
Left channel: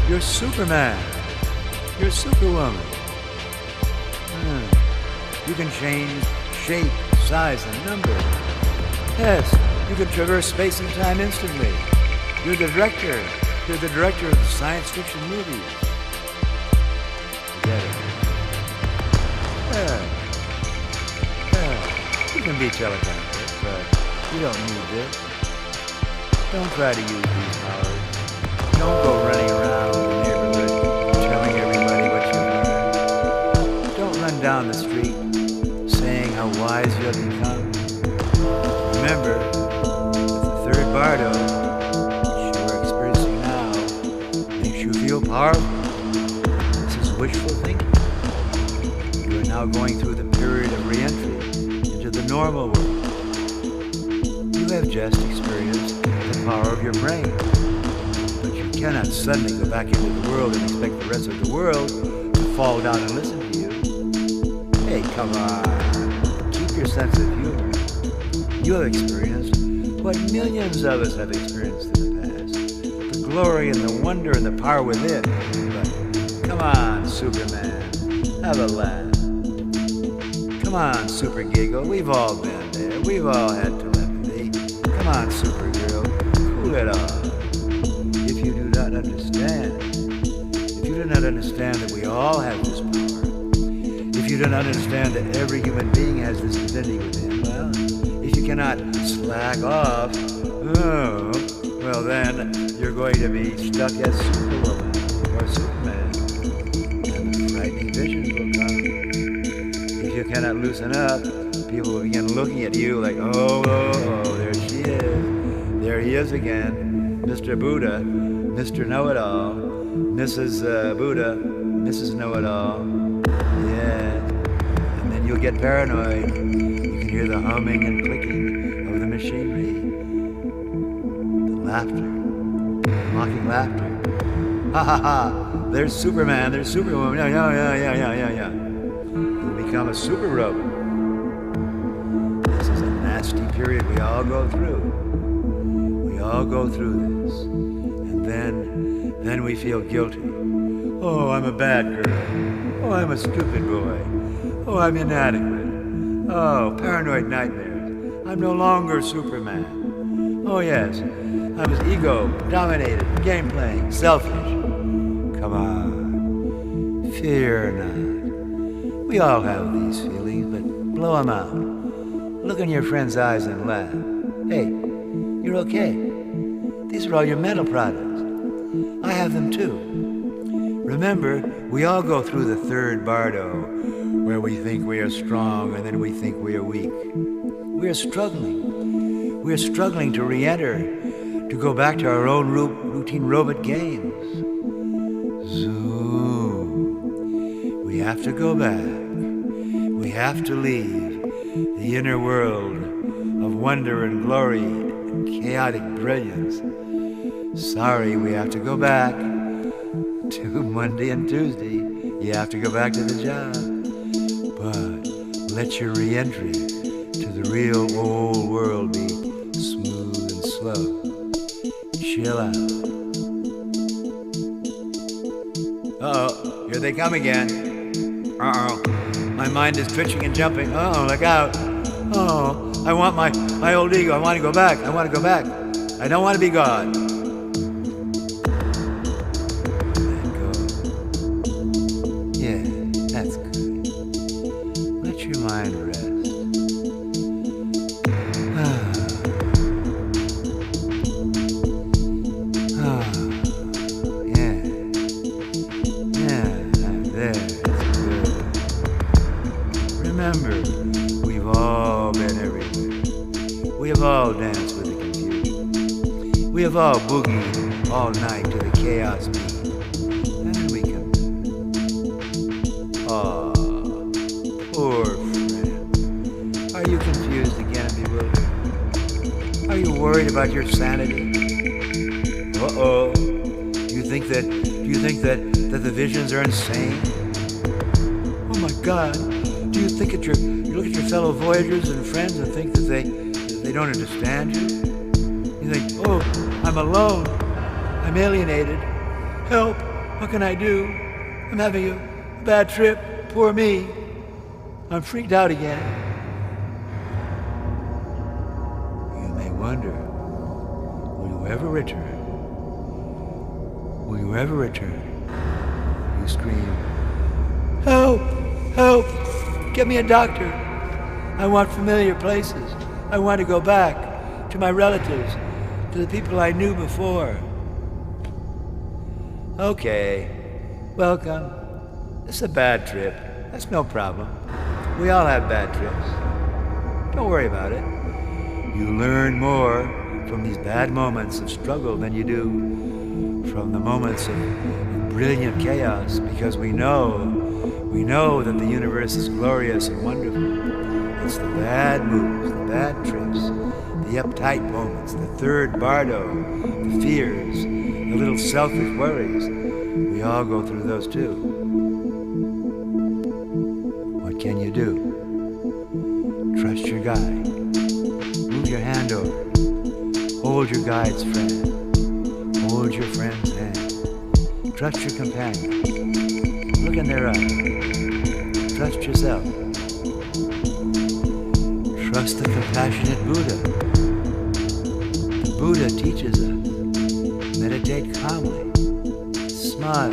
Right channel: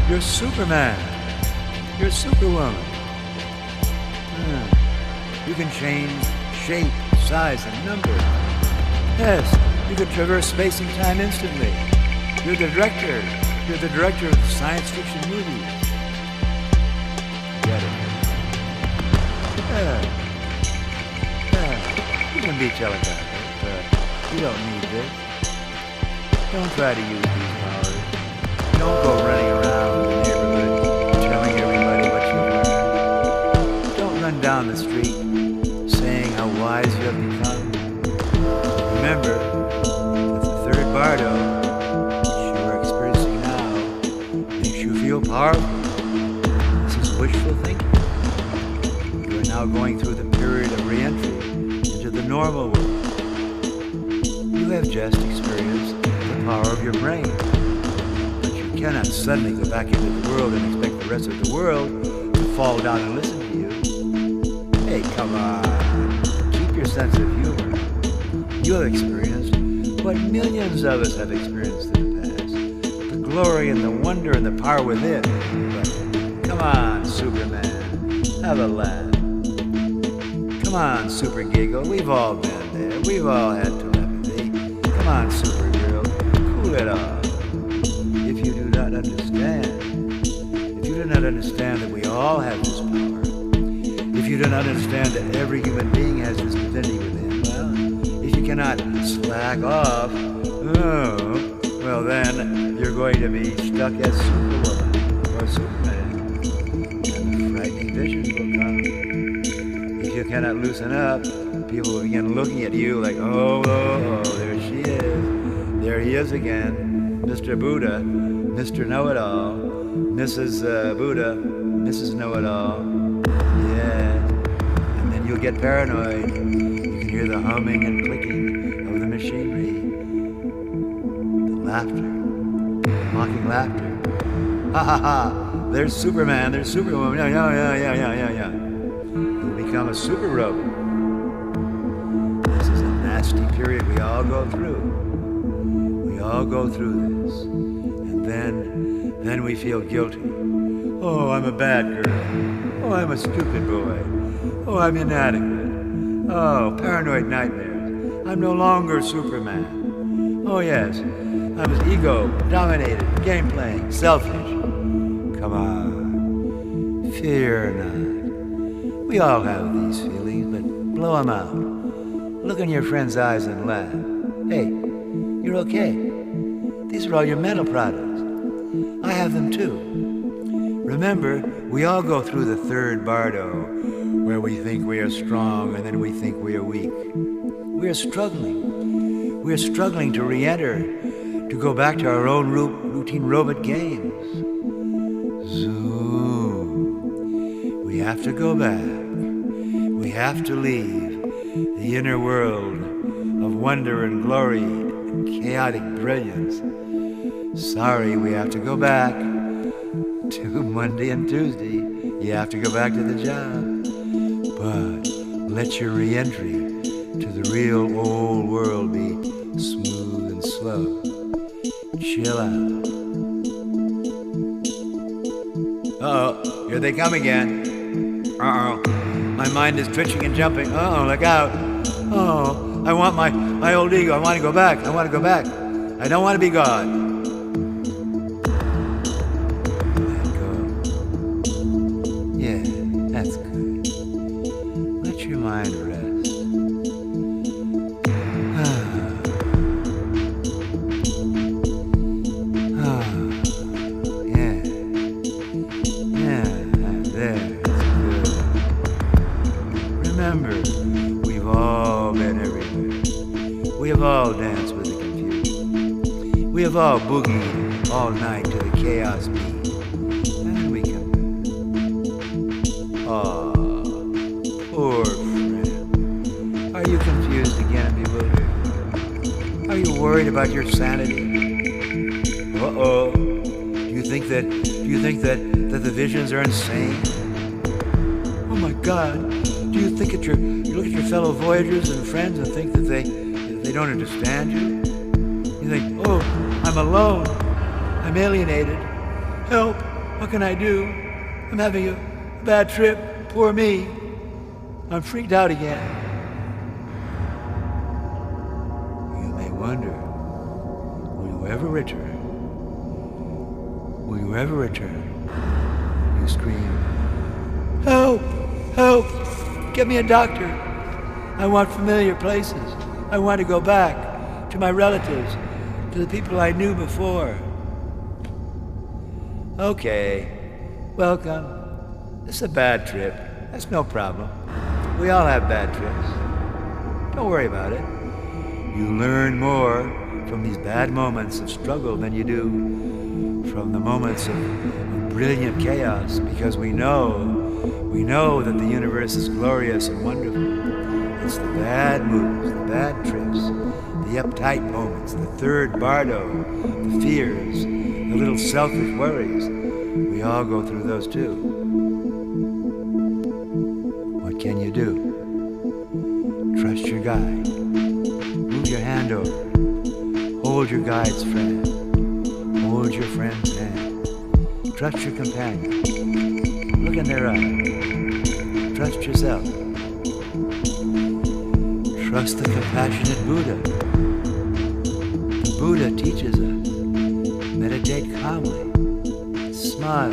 You're Superman. You're Superwoman. You can change shape, size, and number. Yes, you can traverse space and time instantly. You're the director. You're the director of the science fiction movies. Get it? Yeah. You can be telepathic, but you don't need this. Don't try to use these powers. Don't go running around the neighborhood telling everybody what you've learned. Don't run down the street saying how wise you have become. Remember that the third Bardo, which you are experiencing now, makes you feel powerful. This is wishful thinking. You are now going through the period of re-entry into the normal world. You have just experienced the power of your brain, but you cannot suddenly go back into the world and expect the rest of the world to fall down and listen to you. Hey, come on. Keep your sense of humor. You have experienced what millions of us have experienced in the past. The glory and the wonder and the power within. But come on, Superman. Have a laugh. Come on, Super Giggle. We've all been there. We've all had telepathy. Come on, Supergirl. Cool it off. If you do not understand that we all have this power, if you do not understand that every human being has this divinity within, well, if you cannot slack off, well then you're going to be stuck as Superwoman or Superman, and the frightening visions will come. If you cannot loosen up, people will begin looking at you like, oh, there she is. There he is again, Mr. Buddha, Mr. Know-It-All, Mrs. Buddha, Mrs. Know-It-All. Yeah. And then you'll get paranoid. You can hear the humming and clicking of the machinery. The laughter. The mocking laughter. Ha ha ha. There's Superman, there's Superwoman. Yeah. You'll become a super robot. nasty period we all go through. We all go through this. And then we feel guilty. Oh, I'm a bad girl. Oh, I'm a stupid boy. Oh, I'm inadequate. Oh, paranoid nightmares. I'm no longer Superman. Oh, yes, I was ego-dominated, game-playing, selfish. Come on, fear not. We all have these feelings, but blow them out. Look in your friend's eyes and laugh. Hey, you're okay. These are all your mental products. I have them too. Remember, we all go through the third Bardo, where we think we are strong and then we think we are weak. We are struggling. We are struggling to re-enter, to go back to our own routine robot games. Zoom. We have to go back. We have to leave the inner world of wonder and glory and chaotic brilliance. Sorry, we have to go back to Monday and Tuesday. You have to go back to the job. But let your re-entry to the real old world be smooth and slow. Chill out. Uh-oh, here they come again. Uh-oh, my mind is twitching and jumping. Uh-oh, look out. Oh, I want my old ego. I want to go back. I want to go back. I don't want to be God. Let go. Yeah, that's good. Let your mind rest. Remember, we've all been everywhere. We have all danced with the confusion. We have all boogied all night to the chaos beat. And then we come back. Aw, poor friend. Are you confused again and bewildered? Are you worried about your sanity? Uh-oh. Do you think that the visions are insane? Oh my God. Do you think you look at your fellow voyagers and friends and think that they don't understand you? You think, oh, I'm alone. I'm alienated. Help. What can I do? I'm having a bad trip. Poor me. I'm freaked out again. You may wonder, will you ever return? Will you ever return? You scream, help! Help! Get me a doctor. I want familiar places. I want to go back to my relatives, to the people I knew before. Okay, welcome. This is a bad trip. That's no problem. We all have bad trips. Don't worry about it. You learn more from these bad moments of struggle than you do from the moments of brilliant chaos, because we know that the universe is glorious and wonderful. It's the bad moves, the bad trips, the uptight moments, the third Bardo, the fears, the little selfish worries. We all go through those too. What can you do? Trust your guide. Move your hand over. Hold your guide's friend. Hold your friend's hand. Trust your companion. Look in their eyes. Trust yourself. Trust the compassionate Buddha. The Buddha teaches us. Meditate calmly. Smile.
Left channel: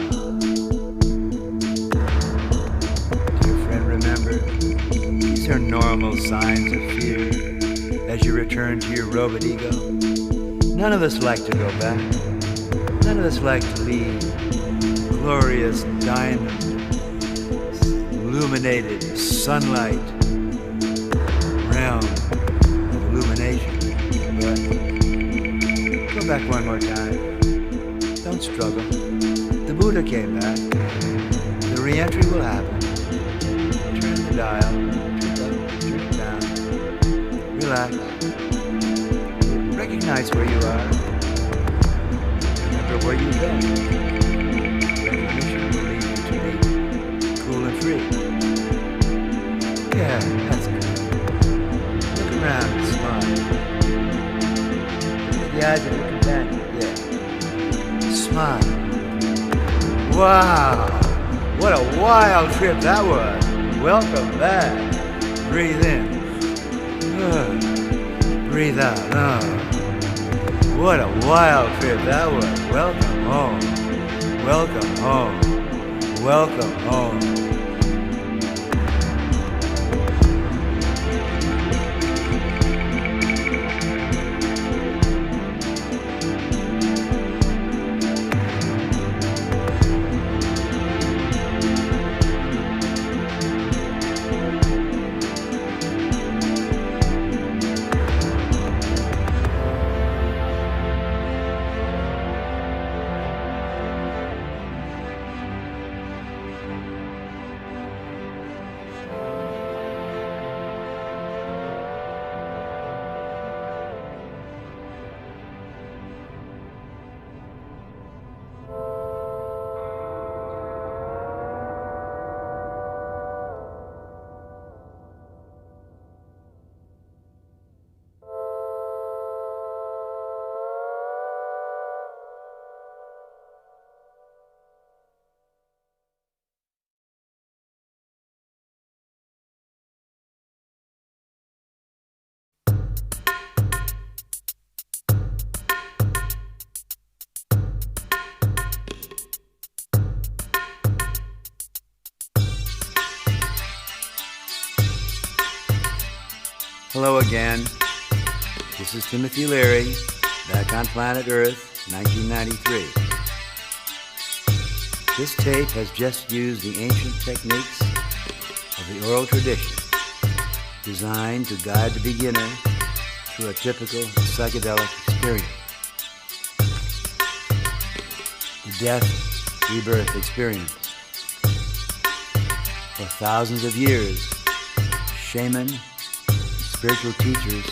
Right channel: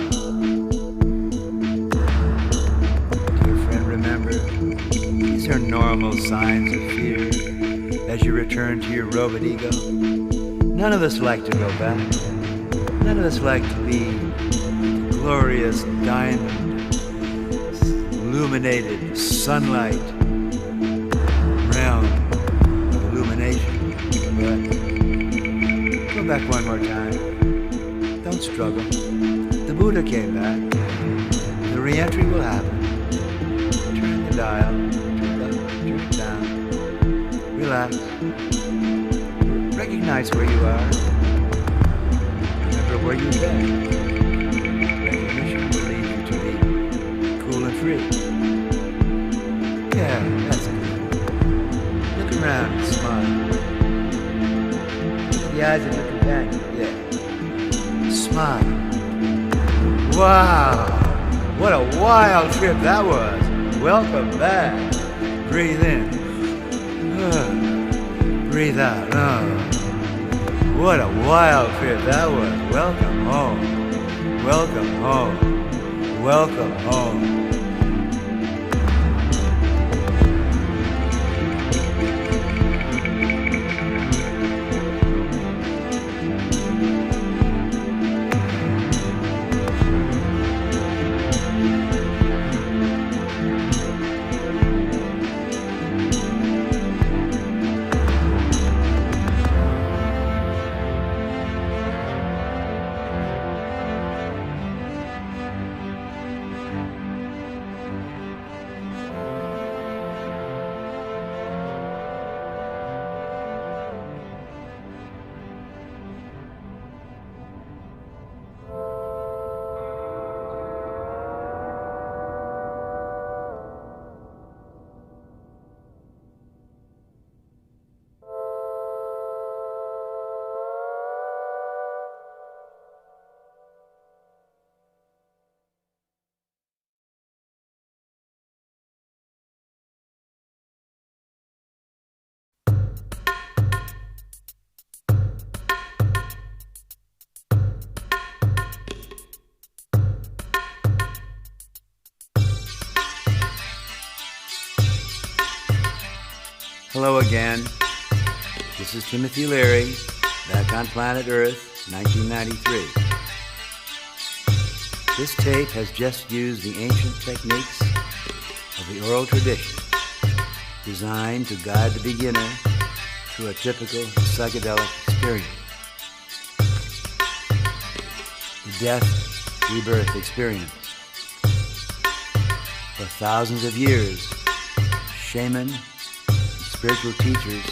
Dear friend, remember, these are normal signs of fear as you return to your robot ego. None of us like to go back. None of us like to leave glorious diamond illuminated sunlight realm of illumination. But go back one more time. Don't struggle. The Buddha came back. The re-entry will happen. Turn the dial. Turn it up, turn it down. Relax. Recognize where you are. Remember where you've been. Recognition will lead you to be cool and free. Yeah, that's good. Look around and smile. Look at the eyes of your companion. Yeah. Smile. Wow. What a wild trip that was. Welcome back. Breathe in. Breathe out. What a wild trip that was. Welcome home. Welcome home. Welcome home. Hello again. This is Timothy Leary, back on planet Earth, 1993. This tape has just used the ancient techniques of the oral tradition, designed to guide the beginner through a typical psychedelic experience. The death-rebirth experience. For thousands of years, shaman spiritual teachers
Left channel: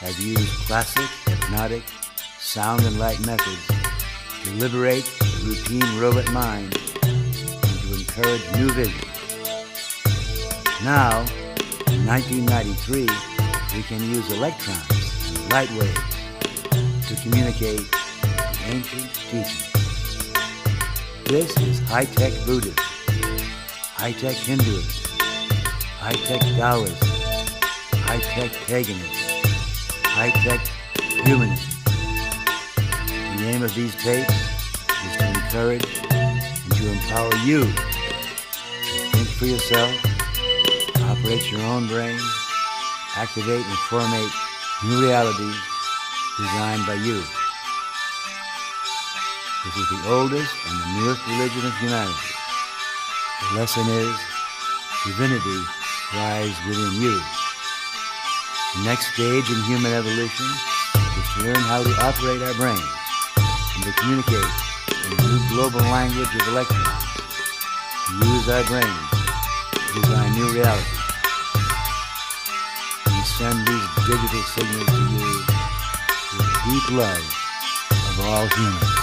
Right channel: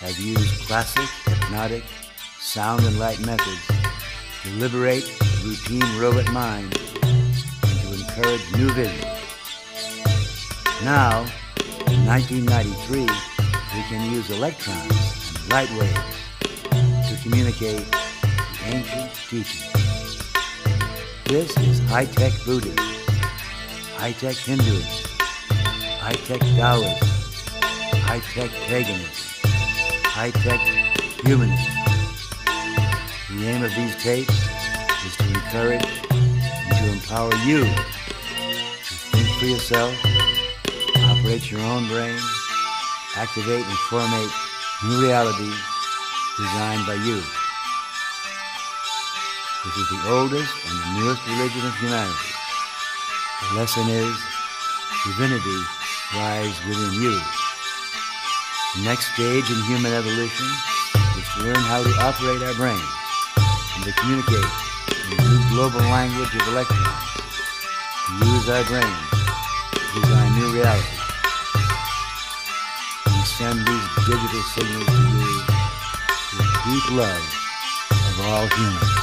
have used classic, hypnotic, sound and light methods to liberate the routine robot mind and to encourage new vision. Now, in 1993, we can use electrons and light waves to communicate the ancient teachings. This is high-tech Buddhism, high-tech Hinduism, high-tech Taoism, high-tech paganism, high-tech humanism. The aim of these tapes is to encourage and to empower you to think for yourself, operate your own brain, activate and formate new realities designed by you. This is the oldest and the newest religion of humanity. The lesson is, divinity lies within you. The next stage in human evolution is to learn how to operate our brains and to communicate in the new global language of electrons, to use our brains to design new realities. We send these digital signals to you with deep love of all humans.